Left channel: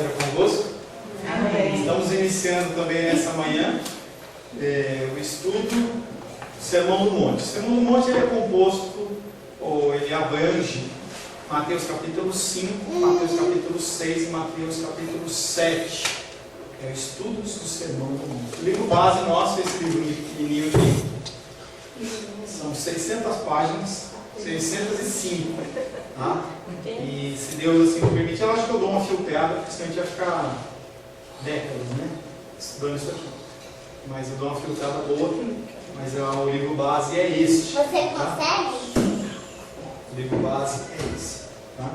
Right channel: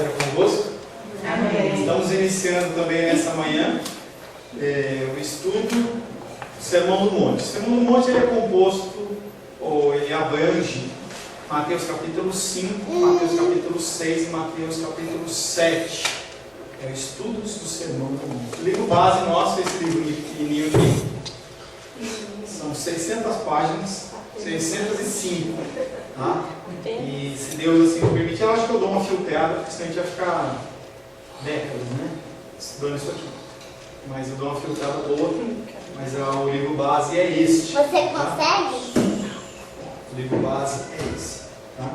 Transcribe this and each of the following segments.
seja convosco. Amém. Estamos iniciando também nessa manhã o estudo do Sermão do Monte. O Sermão do Monte ele é composto, ou ele abrange Mateus capítulo 5, Mateus capítulo 6 e Mateus capítulo 7. É o estudo do Sermão do Monte. O livro base nosso é esse livro pequenininho aqui. São 600 páginas, 605. Tá? E se Deus assim me permitir, eu acho que eu dou uma filtrada, porque senão a gente vai ficar décadas, né? Estudando isso aqui. Mas eu dou uma filtrada boa, mas o livro base é este. Você tá? consegue? O livro base é esse. Tá?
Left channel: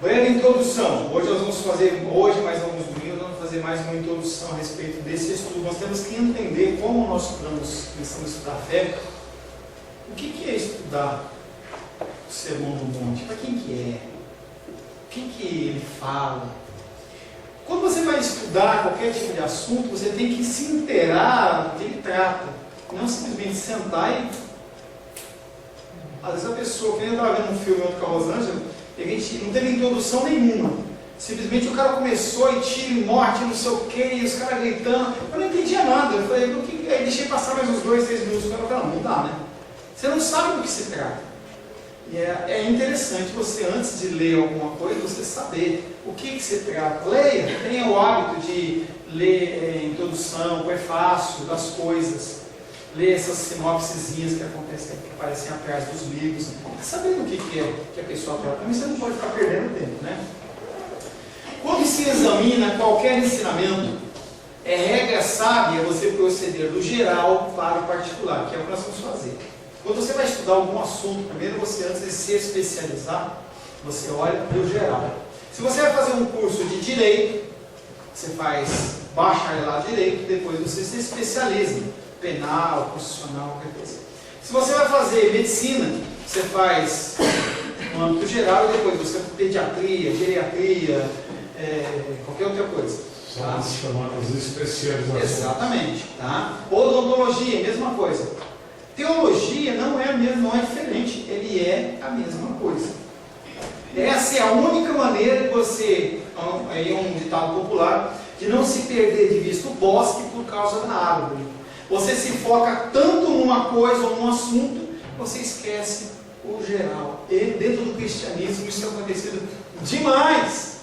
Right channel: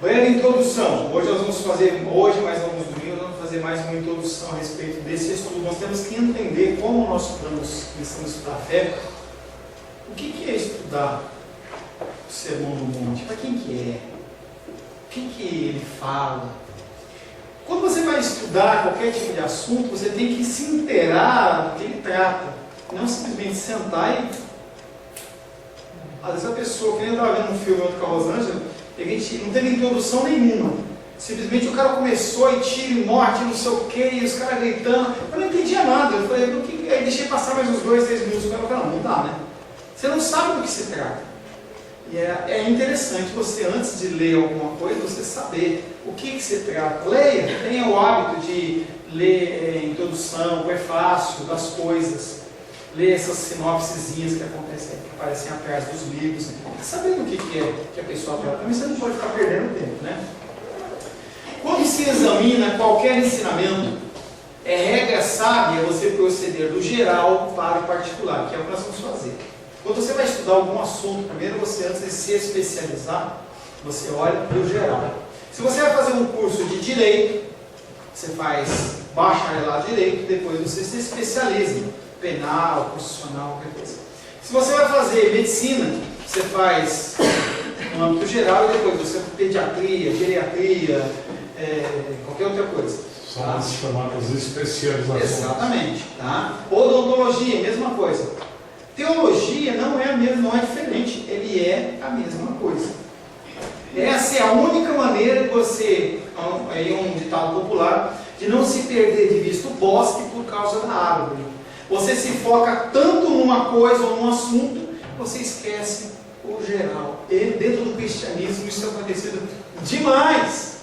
Breve introdução. Hoje nós vamos fazer, mais alguns domingos, nós vamos fazer mais uma introdução a respeito desse estudo. Nós temos que entender como nós estamos começando a estudar a fé. O que é estudar o Sermão do Monte? Para quem que é? O que ele fala? Quando você vai estudar qualquer tipo de assunto, você tem que se inteirar do que ele trata. Não simplesmente sentar e... Às vezes a pessoa, quem estava vendo um filme ontem com a Rosângela, a gente não teve introdução nenhuma. Simplesmente o cara começou e tiro e morte, não sei o que, e os caras gritando. Eu não entendia nada. Eu falei, aí deixei passar mais uns 2, 3 minutos. Eu falei, não dá, né? Você não sabe do que se trata. E é interessante você, antes de ler alguma coisa, você saber o que se trata. Leia, tenha o hábito de ler introdução, prefácio das coisas. Ler essas sinopsezinhas que aparecem atrás dos livros. Sabendo o que é que a pessoa trata. Mas você não pode ficar perdendo tempo, né? Quando se examina qualquer ensinamento, é regra sábia você proceder do geral para o particular, que é o que nós vamos fazer. Quando você vai estudar algum assunto, primeiro você, antes de se especializar, você olha para o geral. Se você vai fazer um curso de Direito, você faz bacharelado em Direito, depois você se especializa, penal, constitucional, qualquer coisa. Se você vai fazer Medicina, você faz no âmbito geral e depois você faz Pediatria, Geriatria, qualquer outra coisa. São as chamadas especializações. Exatamente. Tá? Odontologia, mesma coisa. Teologia não é diferente, ele é a mesma coisa. Essa é a única maneira de você, aí é um ditado popular, de não se perder de vista o bosque por causa da árvore. Você se foca tanto numa coisa ou num assunto, você esquece o geral. E dentro do cristianismo isso é acontecido demais.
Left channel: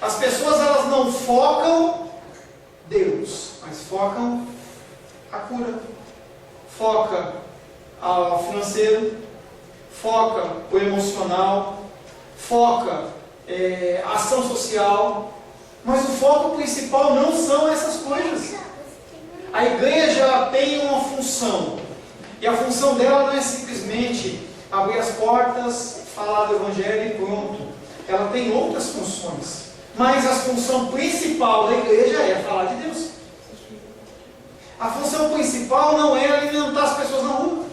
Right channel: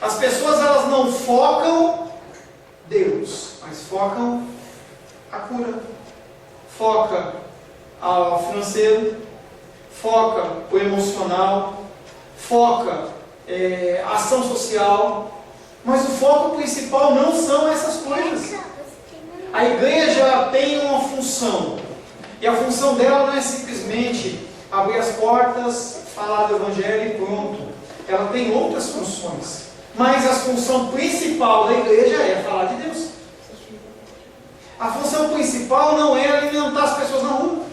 As pessoas elas não focam Deus, mas focam a cura. Foca ao financeiro, foca o emocional, foca a ação social, mas o foco principal não são essas coisas. A igreja tem uma função, e a função dela não é simplesmente abrir as portas, falar do evangelho e pronto. Ela tem outras funções, mas a função principal da igreja é falar de Deus. A função principal não é alimentar as pessoas na rua.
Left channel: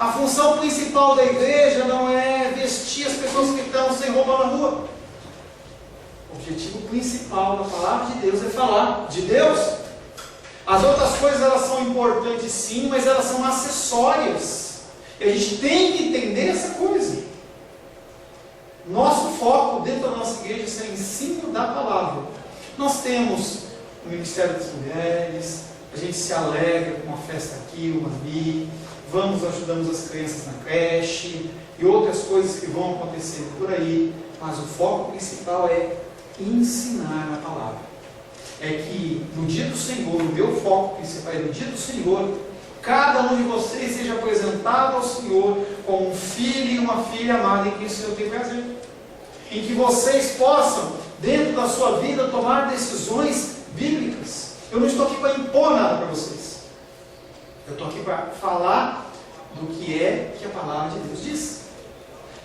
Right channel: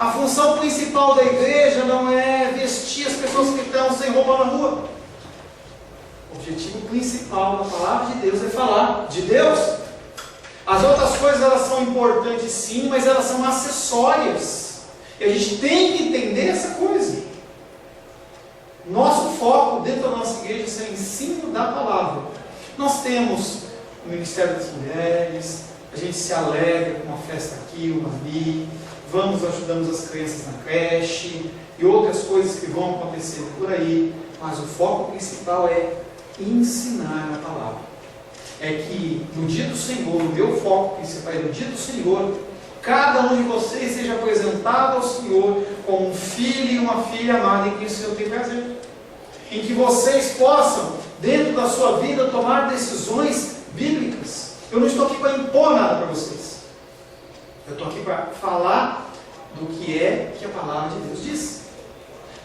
A função principal da igreja não é vestir as pessoas que estão sem roupa na rua. O objetivo principal da palavra de Deus é falar de Deus. As outras coisas elas são importantes sim, mas elas são acessórias. E a gente tem que entender essa coisa. Nosso foco dentro da nossa igreja é o ensino da palavra. Nós temos o Ministério das Mulheres. A gente se alegra com uma festa aqui, uma ali, ajudamos as crianças na creche e outras coisas que vão acontecer por aí, mas o foco principal é ensinar a palavra. É que no dia do Senhor, o meu foco principal é no dia do Senhor, cada um de vocês seja apresentado ao Senhor como um filho e uma filha amada em quem o Senhor tem prazer. Em que vocês possam, dentro da sua vida, tomar decisões bíblicas. Eu não estou aqui para impor nada para vocês. Eu estou aqui para falar do que a palavra de Deus diz.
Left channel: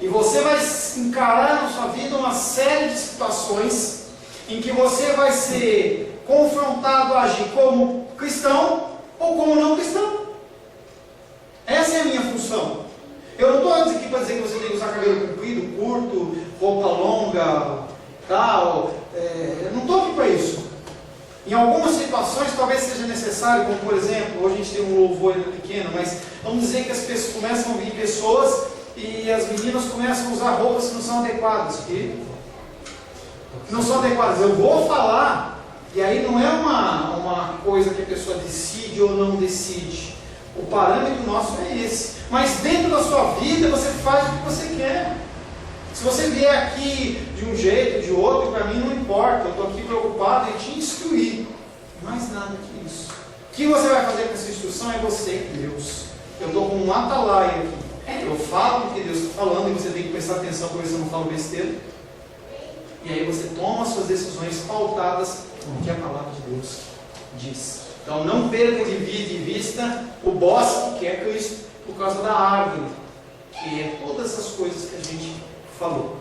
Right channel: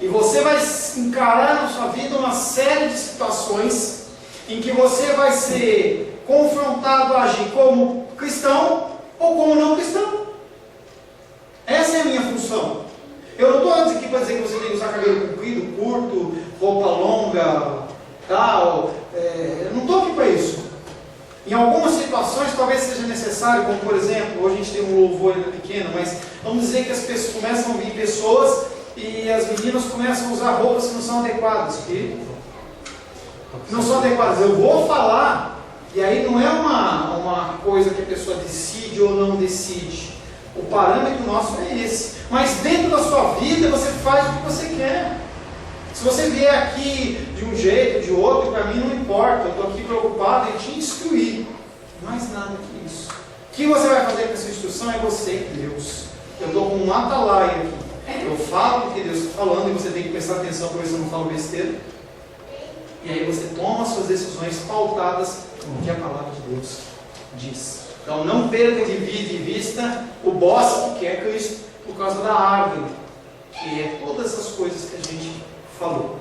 E você vai encarar na sua vida uma série de situações em que você vai ser confrontado a agir como cristão ou como não cristão. Essa é a minha função. Eu não estou aqui para dizer que você tem que usar cabelo comprido, curto, roupa longa, tal. Eu não estou aqui para isso. Em algumas situações talvez seja necessário, como por exemplo, hoje a gente tem um louvor ainda pequeno, mas vamos dizer que as pessoas começam a vir pessoas e as meninas começam a usar roupas que não são adequadas. E que não são adequadas. Eu vou falar, e aí não é uma coisa que a pessoa decide ou não decide. O parâmetro nosso é esse. Mas dentro da sua vida, você faz o que você quer. Se você vier aqui de um jeito, de outro, para mim não importa. Eu estou aqui preocupado em te instruir. Mais nada que isso. O que você vai fazer com essa instrução é você e Deus. Eu estou com um atalaia aqui. Eu falo o que Deus está falando e você tem que prestar atenção para ver se eu não falo besteira. E aí você toma as suas decisões pautadas no que a palavra de Deus diz. Então não perca de vista o bosque que é Cristo por causa da árvore, que é todas essas coisas que a gente falou.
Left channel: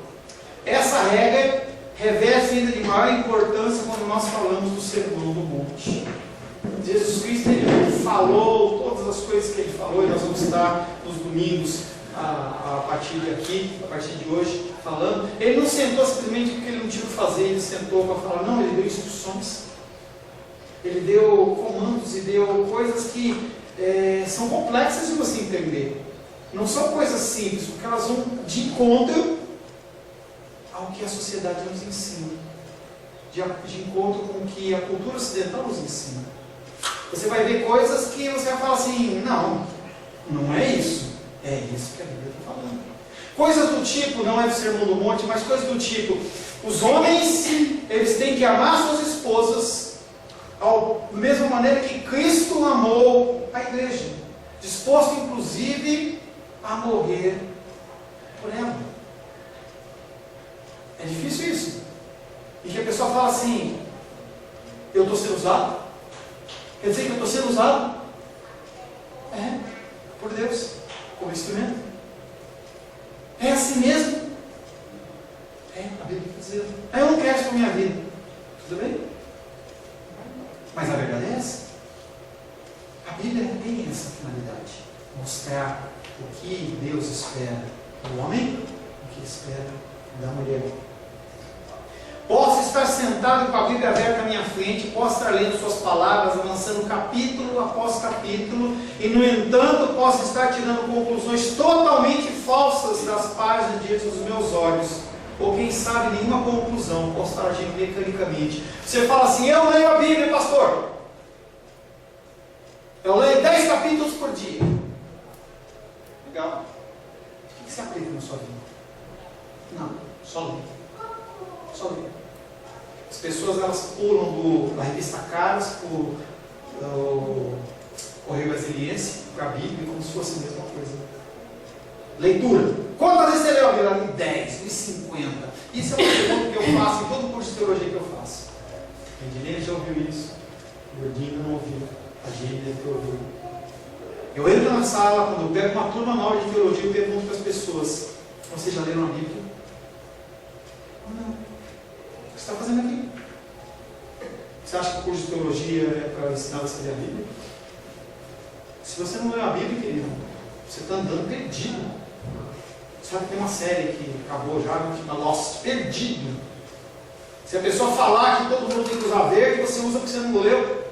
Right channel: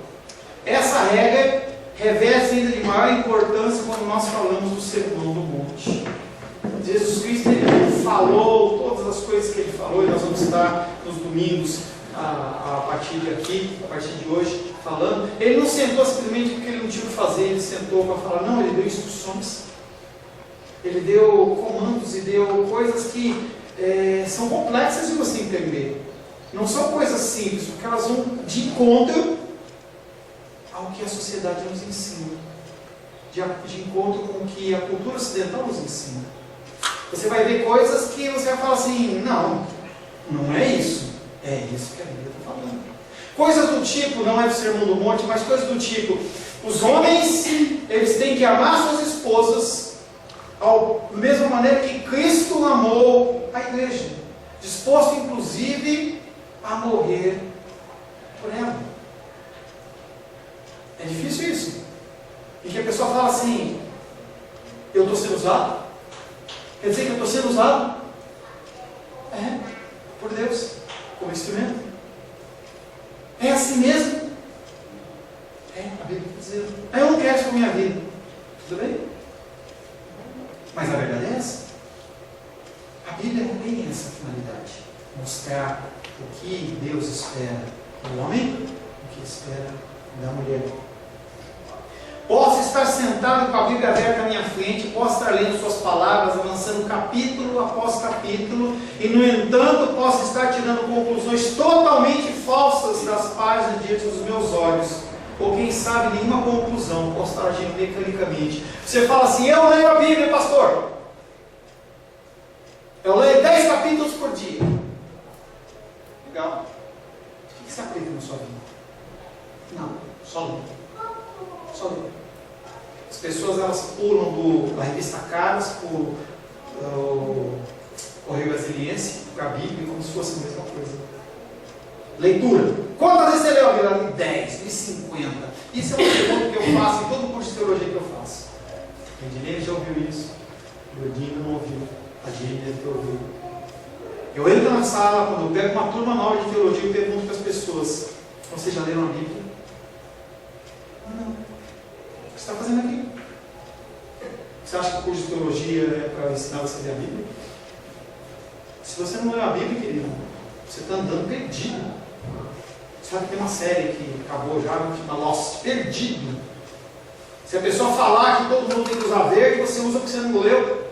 Essa regra reveste ainda de maior importância quando nós falamos do Sermão do Monte. Jesus Cristo ele falou todas as coisas que ele falou, e nós vamos estar nos domingos a partir de aqui, a partir de hoje, falando. Ele não sentou simplesmente porque ele não tinha o que fazer, ele sentou para falar, não, ele deu instruções, ele deu comandos e deu coisas que são complexas de você entender. Não são coisas simples, porque elas vão de encontro ao que a sociedade nos ensina, de encontro com o que a cultura ocidental nos ensina. Você vai ver coisas que você vai falar assim, não é isso. É isso que a Bíblia está falando. Coisas do tipo, não é do Sermão do Monte, mas coisas do tipo, os homens, eles têm que amar suas esposas da mesma maneira que Cristo amou a igreja, disposto inclusive a morrer por ela. É difícil isso. E que a pessoa fala assim, eu estou sendo usado? Quer dizer que eu estou sendo usado? Por Deus, como instrumento. É assim mesmo? A Bíblia está dizendo. Eu não quero isso para a minha vida. Tudo bem? Mas a verdade é essa. A Bíblia tem essa finalidade. Mostrar o que Deus espera do homem, o que espera da mulher. Posso estar sentado com a Bíblia aberta à minha frente, posso estar lendo suas palavras, avançando capítulo após capítulo, e no entanto posso estar tirando conclusões totalmente falsas das páginas diante dos meus olhos, ou quem sabe nenhuma conclusão, posso estar agindo mecanicamente. Você fala assim, eu leio a Bíblia, pastor, eu leio 10 capítulos por dia. Legal. O que você aplica na sua vida? Não, só ler. Só ler. As pessoas elas pulam da revista Caras para o Correio Brasiliense, para a Bíblia, como se fosse a mesma coisa. Leitura. Quantas vezes você leu a Bíblia? 10, 50. Isso é uma pergunta que eu faço em todo curso de teologia que eu faço. A Edilene já ouviu isso. O Gordinho não ouviu. A Gene deve ter ouvido. Eu entro na sala, quando eu pego uma turma nova de teologia, eu pergunto para as pessoas: vocês já leram a Bíblia? Não. O que você está fazendo aqui? Você acha que o curso de teologia é para ensinar você a ler a Bíblia? Se você não leu a Bíblia, querido, você está andando perdido. Sabe que tem uma série que acabou já, que chama Lost, Perdido. Se a pessoa falar que todo mundo tem que usar verde, você usa porque você não leu.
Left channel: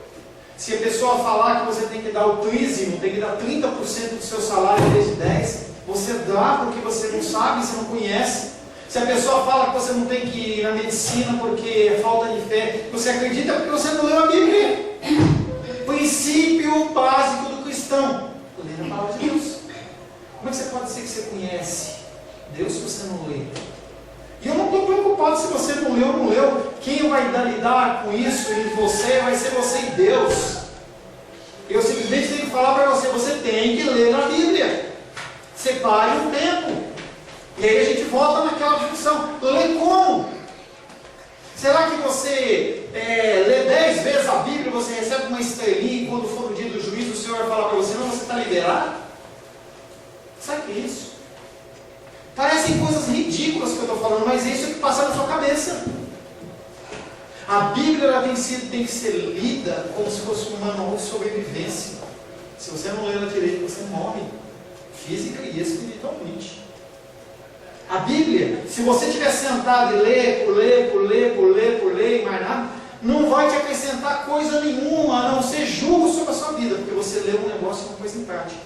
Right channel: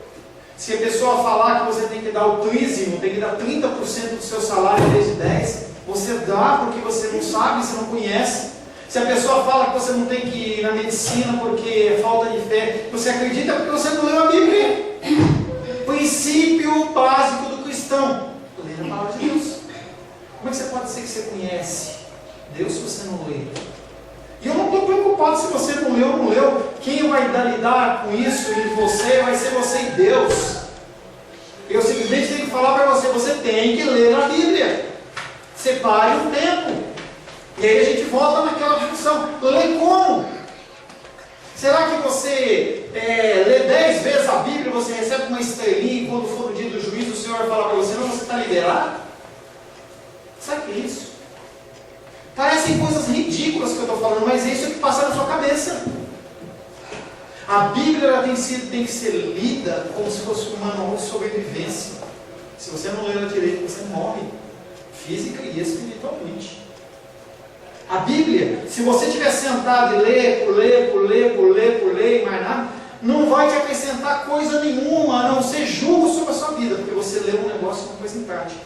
Se a pessoa falar que você tem que dar o trízimo, tem que dar 30% do seu salário em vez de 10%, você dá porque você não sabe, você não conhece. Se a pessoa fala que você não tem que ir na medicina porque é falta de fé, você acredita porque você não leu a Bíblia. Princípio básico do cristão: ler a palavra de Deus. Como é que você pode dizer que você conhece Deus se você não lê? E eu não estou preocupado se você não leu ou não leu. Quem vai lidar com isso em você vai ser você e Deus. Eu simplesmente tenho que falar para você: você tem que ler a Bíblia. Separe um tempo. E aí a gente volta naquela discussão: lê como? Será que você lê 10 vezes a Bíblia, você recebe uma estrelinha e quando for o dia do juízo o Senhor vai falar para você: não, você está liberado? Sabe o que é isso? Parecem coisas ridículas que eu estou falando, mas é isso que passa na sua cabeça. A Bíblia ela tem que ser lida como se fosse um manual de sobrevivência. Se você não lê ela direito, você morre, física e espiritualmente. A Bíblia, se você estiver sentado e ler, e mais nada, não vai te acrescentar coisa nenhuma, a não ser julgo sobre a sua vida, porque você lê um negócio e não pôs em prática.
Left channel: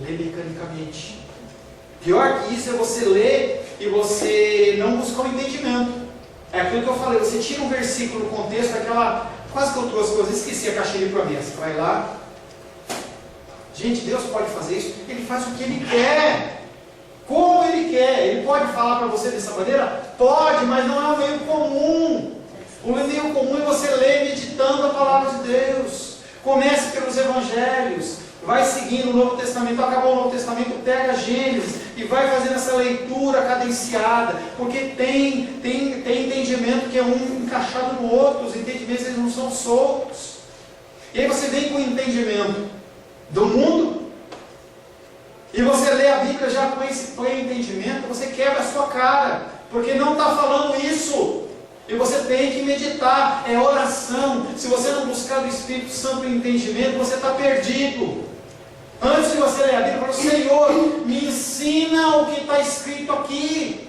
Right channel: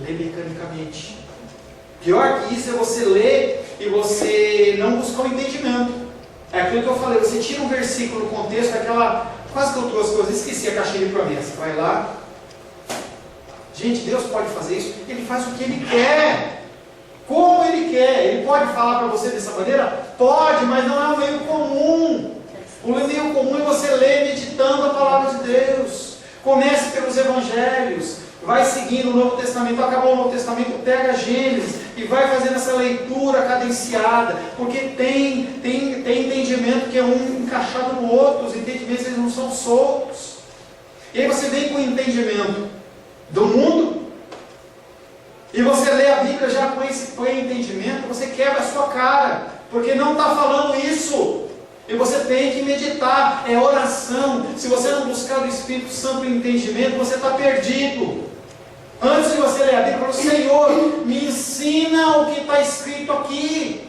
Lê mecanicamente. Pior que isso é você ler e você não buscar o entendimento. É aquilo que eu falei, você tira um versículo do contexto, aquela, quase que eu trouxe, que eu esqueci a caixinha de promessa. Vai lá. Gente, Deus pode fazer isso, Ele faz o que Ele quer. Como Ele quer. Ele pode falar para você dessa maneira? Pode, mas não é o meio comum. O meio comum é você ler meditando a palavra de Deus. Comece pelos evangelhos. Vai seguindo o Novo Testamento, acabou o Novo Testamento, pega Gênesis e vai fazendo essa leitura cadenciada, porque tem entendimento que é um encaixado no outro, os entendimentos eles não são soltos. E aí você vem com o entendimento do mundo, e você lê a Bíblia já com esse entendimento, você quebra a sua cara, porque não está falando isso. E você tem que meditar, é oração. Se você não buscar do Espírito Santo o entendimento, você está perdido. Antes de você ler a Bíblia, fala: Senhor, me ensina o que está escrito aqui.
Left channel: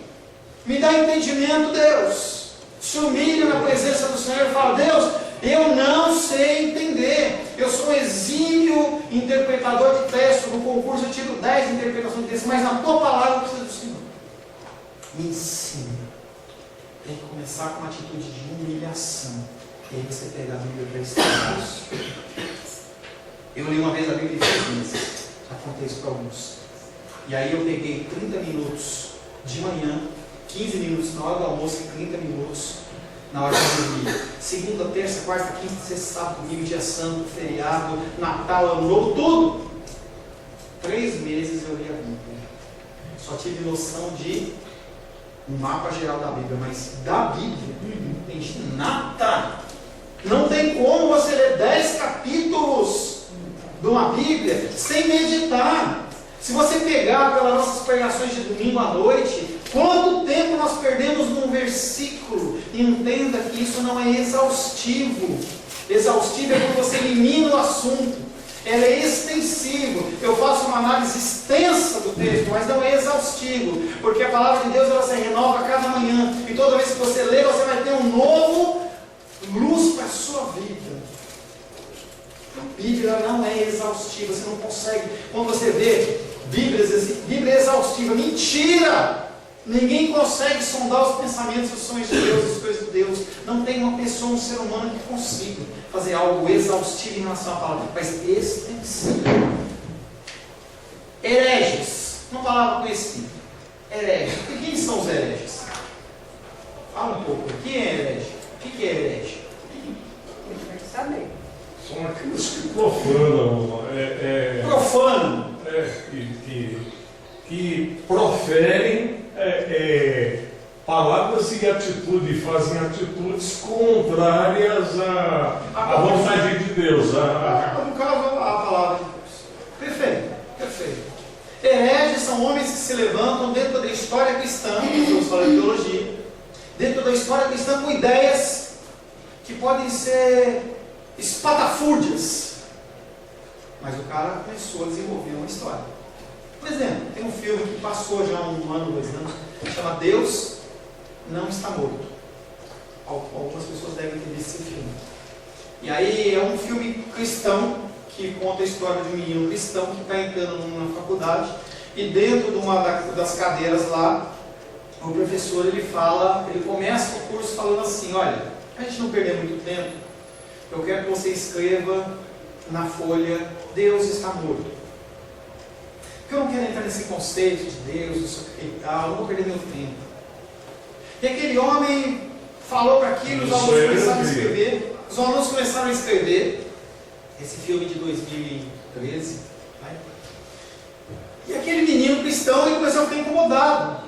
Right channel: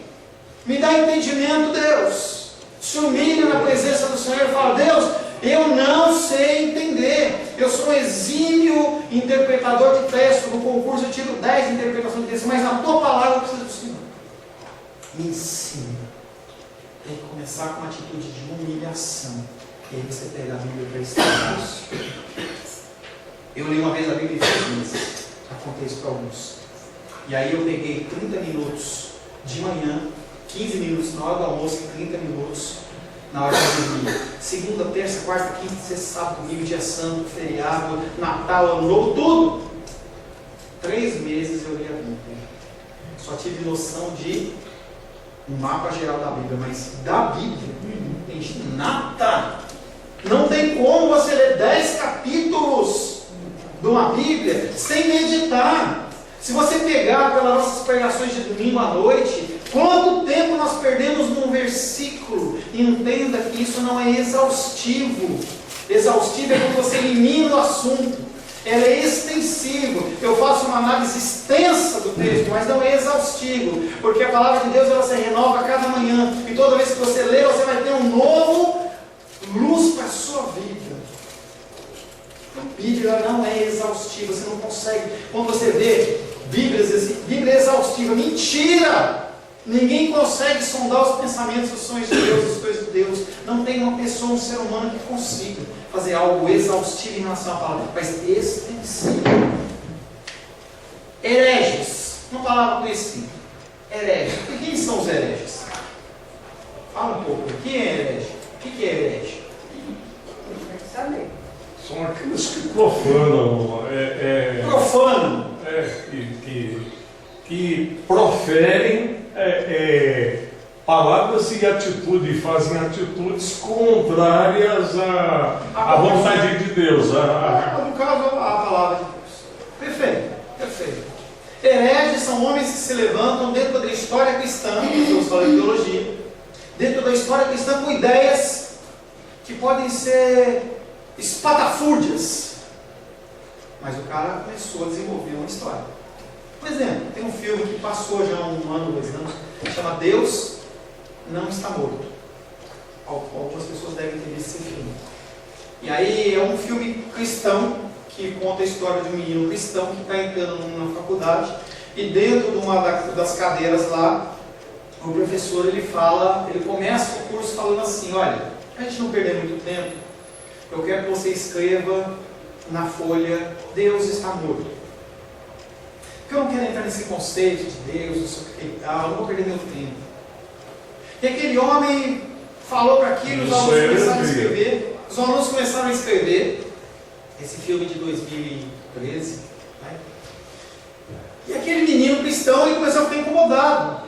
Me dá entendimento, Deus. Se humilha na presença do Senhor e fala: Deus, eu não sei entender. Eu sou um exímio interpretador de texto. No concurso eu tiro 10 interpretações de texto, mas na tua palavra eu preciso do Senhor. Me ensina. Tem que começar com uma atitude de humilhação. E aí você pega a Bíblia para estudar isso. Eu li uma vez a Bíblia em 6 meses. Já contei isso para alguns. E aí eu peguei 30 minutos de manhã, 15 minutos na hora do almoço e 30 minutos na hora de dormir. Segunda, terça, quarta, quinta, sexta, sábado, domingo, dia santo, feriado, Natal, Ano Novo, tudo. 3 meses eu li a Bíblia. Só tive noção de um mapa geral da Bíblia, mas da Bíblia não entendi nada. Não tem como você ler 10 capítulos de uma Bíblia sem meditar. Se você pegar pelas nossas pregações de domingo à noite, quanto tempo nós perdemos num versículo? Entenda que isso não é exaustivo. Exaustivo é quando você elimina o assunto. Ela é extensiva. Eu faço uma análise extensa do texto, mas não é exaustivo, porque a palavra de Deus ela se renova a cada manhã, e toda vez que você lê, você vai ter um novo luz para a sua vida. A Bíblia não é exaustiva, você não consegue. Quando você vê Bíblia exaustiva, mentira! Ninguém consegue sondar os pensamentos, os sonhos de Deus, as coisas de Deus. Não tem uma pessoa, um ser humano que consiga fazer algo exaustivo em relação à palavra, mas extensivo. Hereges, uma palavra conhecida. Hereges. E quem são os hereges? Fala um pouco. Quem é herege? O que é herege? São aqueles que profanam. Profanam. Que proferem palavras e atitudes, fazem atitudes contrárias à vontade de Deus. No caso, a palavra de Deus. Perfeito, perfeito. Hereges são homens que se levantam dentro da história cristã, eu falo de teologia, dentro da história cristã com ideias que podem ser espatafúrdias. Mas o cara começou a desenvolver uma história. Por exemplo, tem um filme que passou já um ano, 2 anos, chama Deus Não Está Morto. Algumas pessoas devem ter visto esse filme. E aí é um filme cristão que conta a história de um menino cristão que está entrando numa faculdade, e dentro de uma das cadeiras lá, o professor ele começa o curso falando assim: olha, para a gente não perder muito tempo, eu quero que você escreva na folha Deus está morto. Porque eu não quero entrar nesse conceito de Deus, não sei o que e tal, eu não vou perder meu tempo. E aquele homem falou para aquilo, os alunos começaram a escrever. Os alunos começaram a escrever esse filme de 2013. Né? E aquele menino cristão ele começou a ficar incomodado.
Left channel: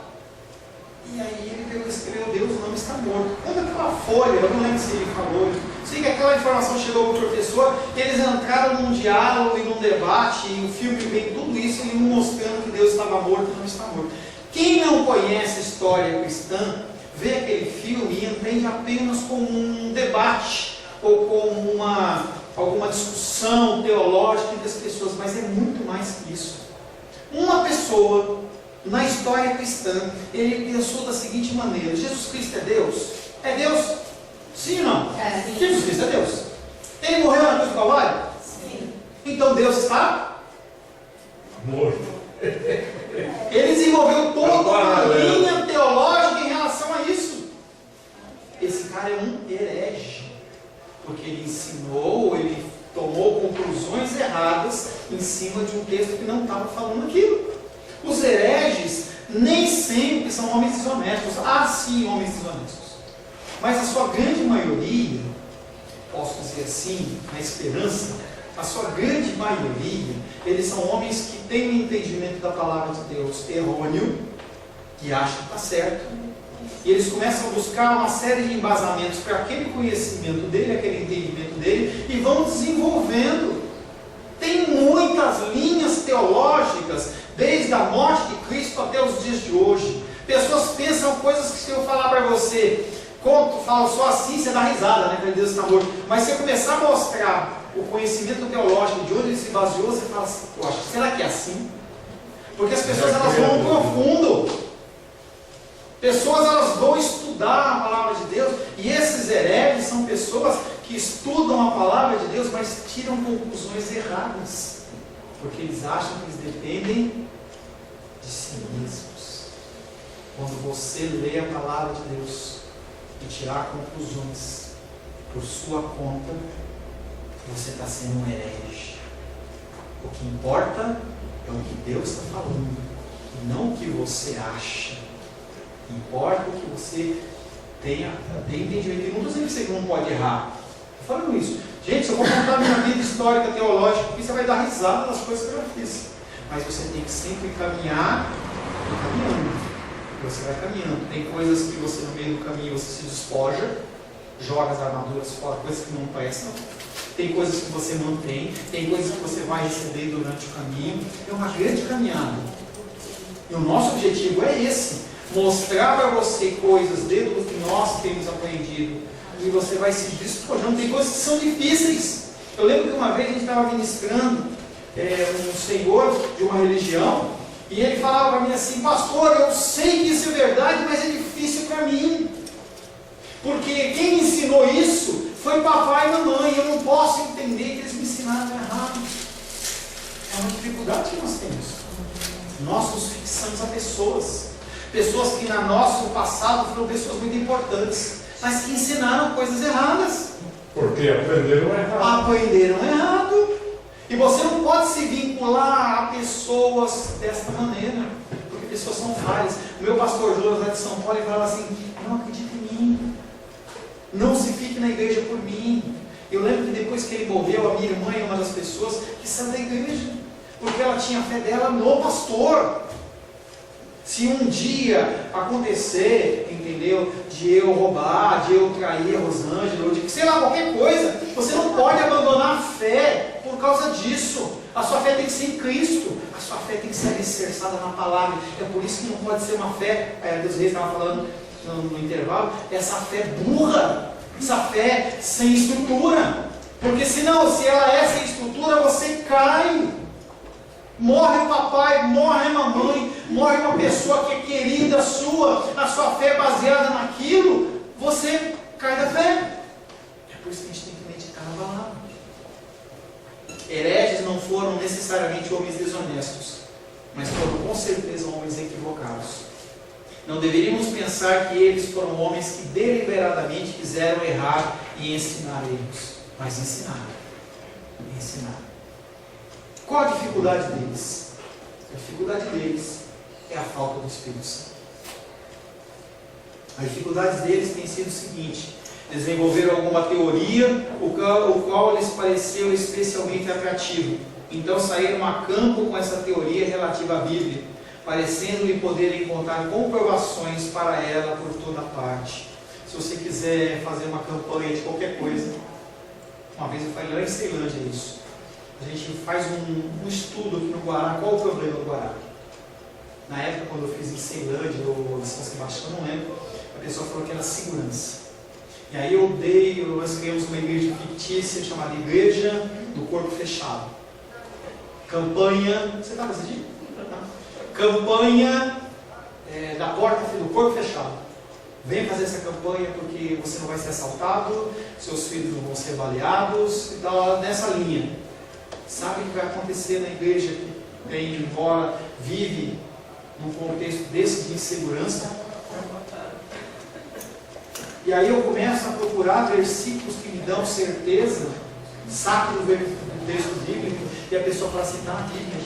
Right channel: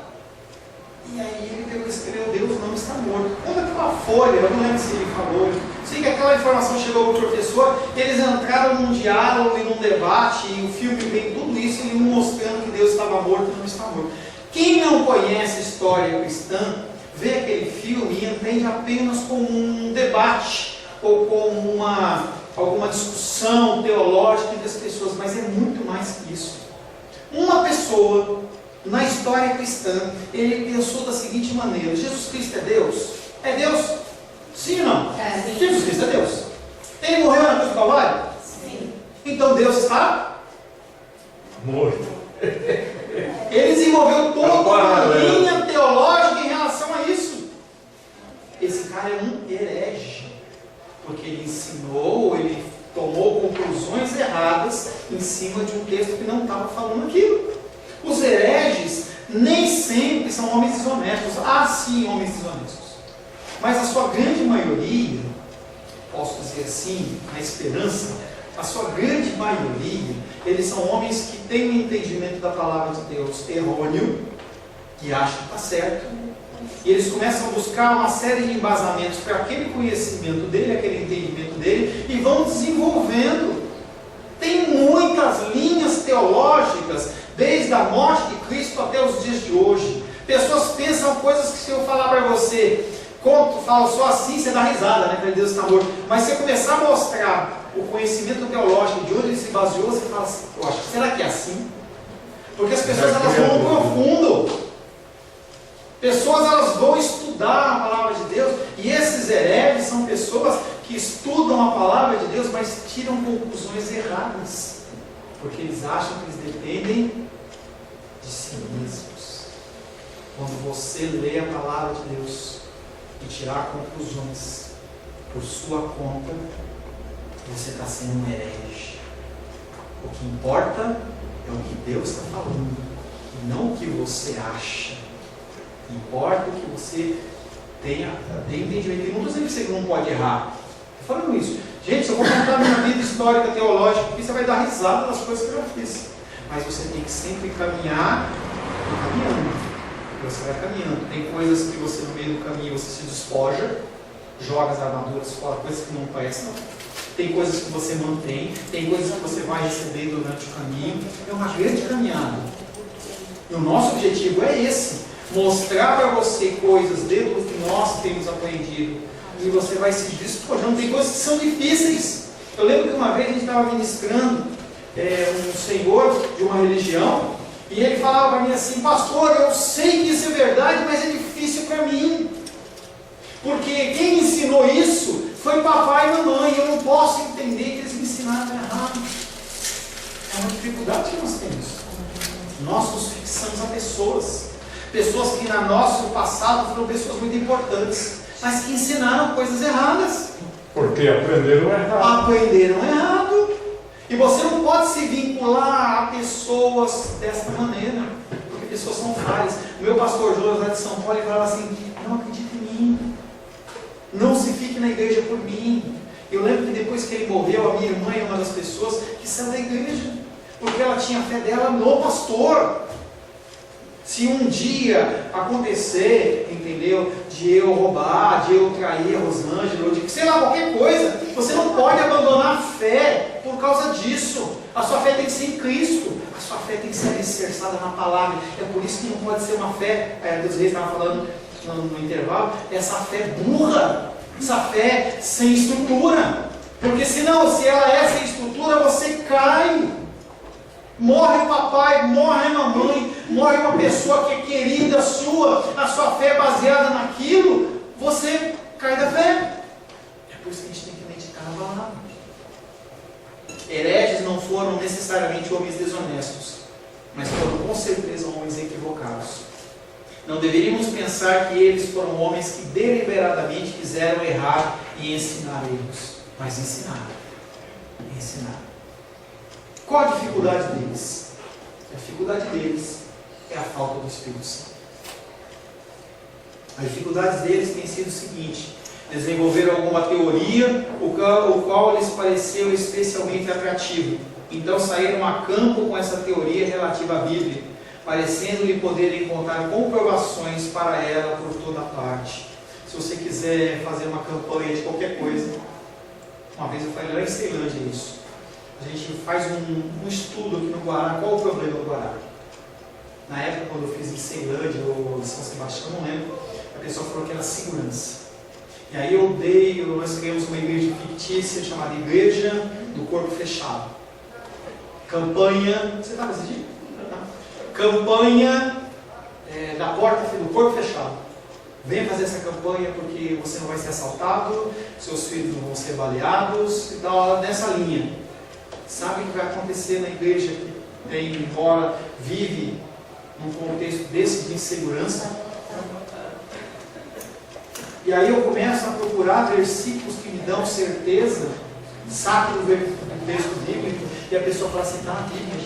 E aí ele pegou e escreveu Deus não está morto. Conta aquela folha, eu não lembro se ele falou. Sei que aquela informação chegou para o professor, eles entraram num diálogo e num debate, e o filme vem tudo isso, ele mostrando que Deus estava morto e não está morto. Quem não conhece a história cristã, vê aquele filme e entende apenas como um debate, ou como alguma discussão teológica entre as pessoas, mas é muito mais que isso. Uma pessoa, na história cristã, ele pensou da seguinte maneira: Jesus Cristo é Deus? É Deus? Sim ou não? Sim. Jesus Cristo é Deus. Ele morreu na cruz do Calvário? Sim. Então Deus está morto. Ele desenvolveu toda uma linha teológica em relação a isso. cara é um herege, porque ele ensinou, ele tomou conclusões erradas em cima de um texto que não estava falando aquilo. Os hereges nem sempre são homens desonestos. Há sim homens desonestos, mas a sua grande maioria, posso dizer assim, na esperança, a sua grande maioria, eles são homens que têm um entendimento da palavra de Deus errôneo, que acham que está certo, e eles começam a buscar uma série de embasamentos para aquele conhecimento dele, aquele entendimento dele, e vão desenvolvendo. Tem muitas linhas teológicas, desde a morte de Cristo até os dias de hoje. Pessoas pensam coisas que, se eu falar para você, conto, falo só assim, você dá risada, né? Que Deus está morto. Mas se eu começar a mostrar o conhecimento teológico de onde ele se baseou, você fala assim, poxa, será que é assim? Porque as pessoas elas vão no profundo. Pessoas elas vão estudar a palavra de Deus, e esses hereges são pessoas que estudam a palavra de Deus, mas tiram conclusões erradas, porque eles acham que eles dependem de si mesmos. Quando você lê a palavra de Deus e tirar conclusões por sua conta, você está sendo um herege. O que importa é o que Deus está falando, e não o que você acha. Importa o que você tenha entendimento. E não estou dizendo que você não pode errar. Estou falando isso. Gente, se eu vou contar minha vida histórica, teológica, aqui você vai dar risada das coisas que eu já fiz. Mas você tem que sempre caminhar e caminhando. Você vai caminhando. Tem coisas que você, no meio do caminho, você se despoja, joga as armaduras fora, coisas que não prestam. Tem coisas que você mantém, tem coisas que você vai receber durante o caminho. É uma grande caminhada. E o nosso objetivo é esse. Mostrar para você coisas dentro do que nós temos aprendido, e você vai se despojando. Tem coisas que são difíceis. Eu lembro que uma vez a gente estava ministrando um senhor de uma religião, e ele falava para mim assim, pastor, eu sei que isso é verdade, mas é difícil para mim, porque quem me ensinou isso foi papai e mamãe, eu não posso entender que eles me ensinaram errado. É uma dificuldade que nós temos. Nós nos fixamos a pessoas que no nosso passado foram pessoas muito importantes, mas que ensinaram coisas erradas. Porque aprenderam errado. Aprenderam errado. E você não pode se vincular a pessoas desta maneira, porque pessoas são falhas. O meu pastor Jonas lá de São Paulo, ele falava assim, não acredite em mim, não se fique na igreja por mim. Eu lembro que depois que ele morreu, a minha irmã é uma das pessoas que saiu da igreja, porque ela tinha a fé dela no pastor. Se um dia acontecer, entendeu, de eu roubar, de eu trair a Rosângela, ou de sei lá, qualquer coisa, você não pode abandonar a fé por causa disso. A sua fé tem que ser em Cristo, a sua fé tem que ser alicerçada na palavra. É por isso que não pode ser uma fé, Deus Reis estava falando no intervalo, essa fé burra, essa fé sem estrutura. Porque senão, se ela é sem estrutura, você cai. Morre o papai, morre a mamãe, morre uma pessoa que é querida sua, a sua fé é baseada naquilo, você cai da fé. É por isso que a gente tem que meditar na palavra. Hereges não foram necessariamente homens desonestos, mas foram com certeza homens equivocados. Não deveríamos pensar que eles foram homens que deliberadamente quiseram errar e ensinar erros, mas ensinaram. Qual a dificuldade deles? A dificuldade deles é a falta do Espírito Santo. A dificuldade deles tem sido o seguinte: desenvolveram alguma teoria, o qual lhes pareceu especialmente atrativo. Então saíram a campo com essa teoria relativa à Bíblia, parecendo-lhe poder encontrar comprovações para ela por toda parte. Se você quiser fazer uma campanha de qualquer coisa, uma vez eu falei lá em Ceilândia isso. A gente faz um estudo aqui no Guará. Qual o problema do Guará? Na época, quando eu fiz em Ceilândia ou em São Sebastião, não lembro, a pessoa falou que era segurança. E aí nós criamos uma igreja fictícia chamada Igreja do Corpo Fechado. Campanha, você estava decidindo? Campanha da porta do corpo fechado. Venha fazer essa campanha porque você não vai ser assaltado, seus filhos não vão ser baleados, e tal, nessa linha. Sabe o que vai acontecer na igreja que embora vive num contexto desse de insegurança? E E aí eu começo a procurar versículos que me dão certeza, saco do texto bíblico, e a pessoa fala assim, está na Bíblia.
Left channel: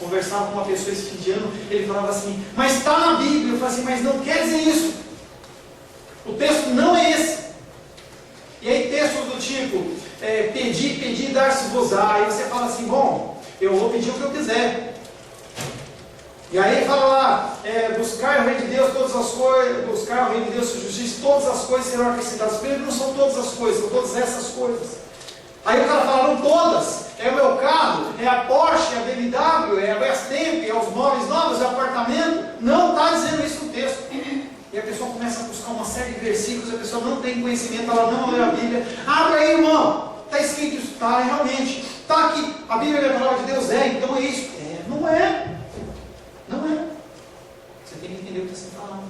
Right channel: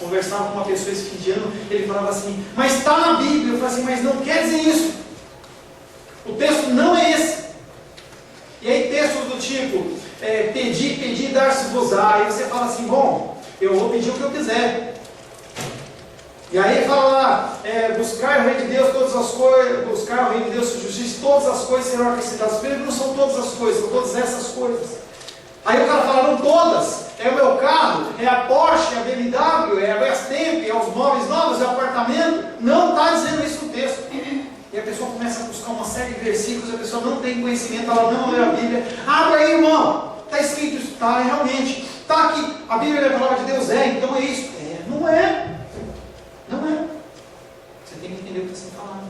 Conversava com uma pessoa esse fim de ano, ele falava assim, mas está na Bíblia. Eu falei assim, mas não quer dizer isso. O texto não é esse. E aí textos do tipo, pedi, dar-se-vos-á. Aí você fala assim, bom, eu vou pedir o que eu quiser. E aí fala lá, buscar o Rei de Deus todas as coisas, buscar o Rei de Deus sua justiça, todas as coisas serão acrescentadas. Primeiro, não são todas as coisas, são todas essas coisas. Aí o cara fala, não todas, é o meu carro, é a Porsche, é a BMW, é a Brastemp, é os móveis novos, é o apartamento. Não está dizendo isso no texto. E a pessoa começa a buscar uma série de versículos, a pessoa não tem conhecimento, ela não lê a Bíblia. Abre aí, irmão, está escrito isso, está, realmente. Está aqui, a Bíblia é a palavra de Deus, então é isso. Não é. Não é. Você tem que entender o que está sendo falado.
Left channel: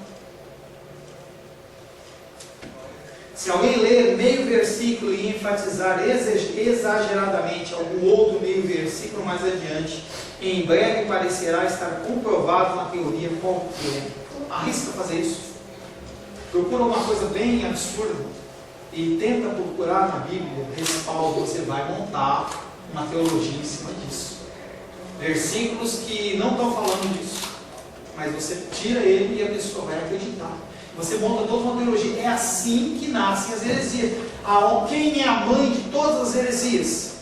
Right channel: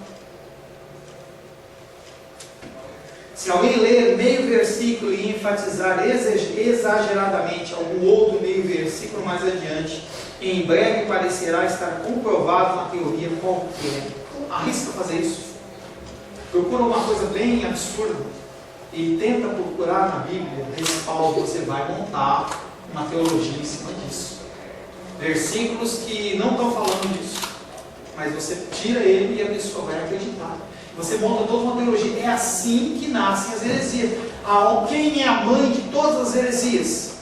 Se alguém ler meio versículo e enfatizar exageradamente algum outro meio versículo mais adiante, em breve parecerá estar comprovado na teoria qualquer. Arrisca fazer isso. Procura uma coisa bem absurda e tenta procurar na Bíblia respaldo. Você vai montar uma teologia em cima disso. Versículos que não estão falando disso, mas você tira ele e a pessoa vai acreditar. Você monta toda uma teologia. É assim que nascem as heresias. Quem é a mãe de todas as heresias?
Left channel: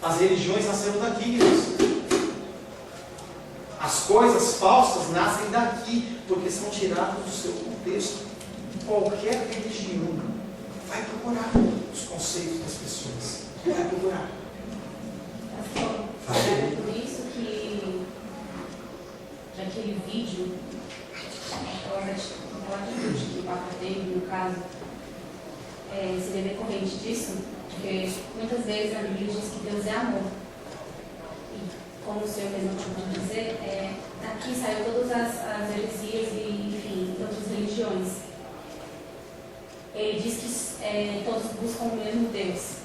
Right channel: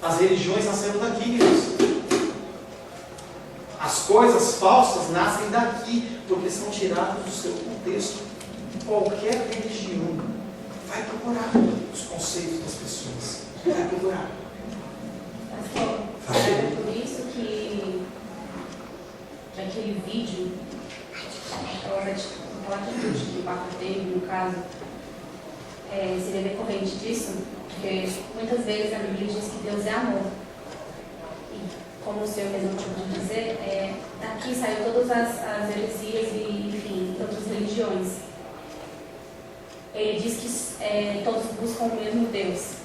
As religiões nasceram daqui, queridos. As coisas falsas nascem daqui, porque são tiradas do seu contexto. Qualquer religião vai procurar os conceitos das pessoas. Vai procurar. É por isso que aquele vídeo, aquela atitude que o Papa teve, no caso, seria decorrente disso, porque muitas vezes a Bíblia diz que Deus é amor. E, como o senhor mesmo acabou de dizer, daqui saiu todas as heresias e, enfim, outras religiões. Ele diz que todos buscam o mesmo Deus.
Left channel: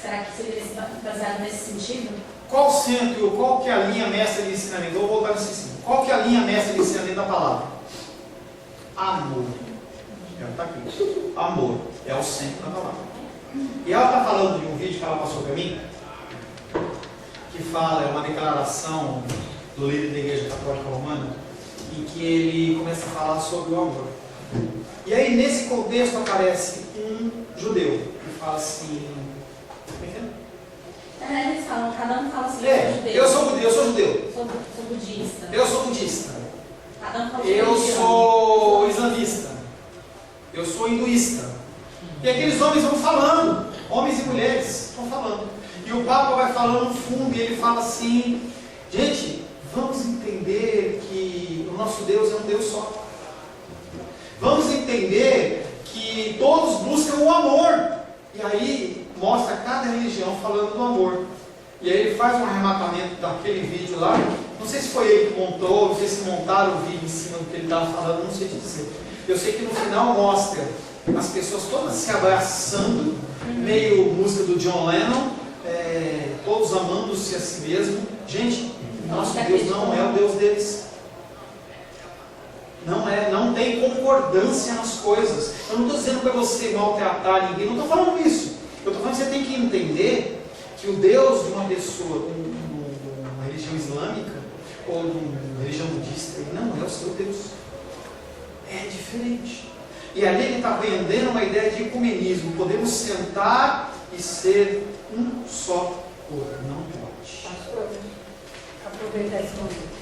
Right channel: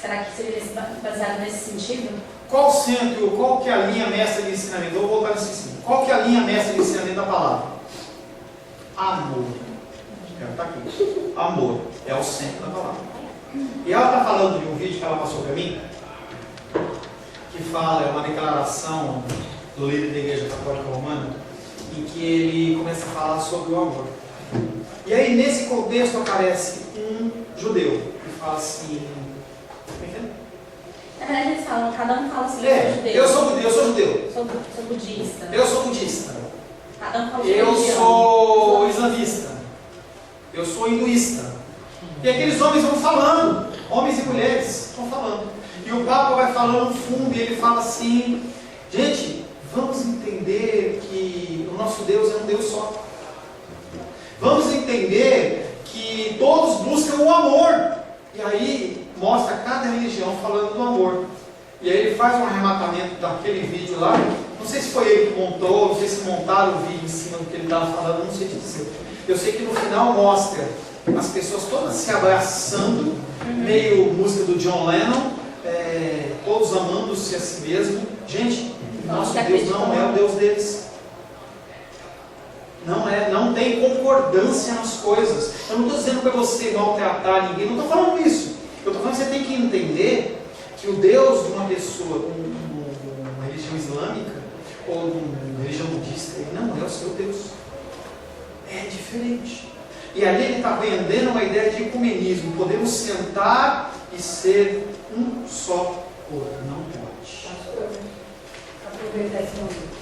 Será que seria baseado nesse sentido? Qual que é a linha mestra de ensinamento? Vou voltar nesse ensino. Qual que é a linha mestra de ensinamento da palavra? Amor. Está aqui. Amor é o centro da palavra. E ela está falando de um vídeo que ela passou para mim, que fala, é uma declaração do líder da Igreja Católica Romana, em que ele começa a falar sobre o amor. E aí, nesse contexto, aparece um judeu que fala assim... Na verdade, eles falam, cada um fala assim, eu sou judeu. Sou budista. Eu sou budista. Cada um fala Eu sou islamista. Eu sou hinduísta. E aqueles homens vão falando, homens e mulheres vão falando. E o Papa vai falando no fundo, e ele fala assim, gente, vamos entender que o nosso Deus é um Deus só. Vamos entender que todos buscam o amor. E aí mostra cada religião falando do amor. E aí ele faz um arrematamento daquele vídeo lá. Não sei se foi ele que montou, não sei se montaram o vídeo em cima do que ele estava falando, não sei te dizer. Eu sei que no final mostra as pessoas todas se abraçando, meio música do John Lennon, todos amando-se a si mesmo. Gente, nosso Deus não é o Deus deles. Não tem concordância nas coisas. Eu não estou dizendo para você maltratar ninguém, não estou falando isso. Eu estou falando que você tem que entender que o Deus de uma pessoa com uma religião islâmica ou uma religião budista, ele não é o seu Deus. É diferente. E ali ele está vendendo uma ideia de ecumenismo. Podemos sentar e ser um só corpo. Não pode. Pastor, aproveitar esse momento.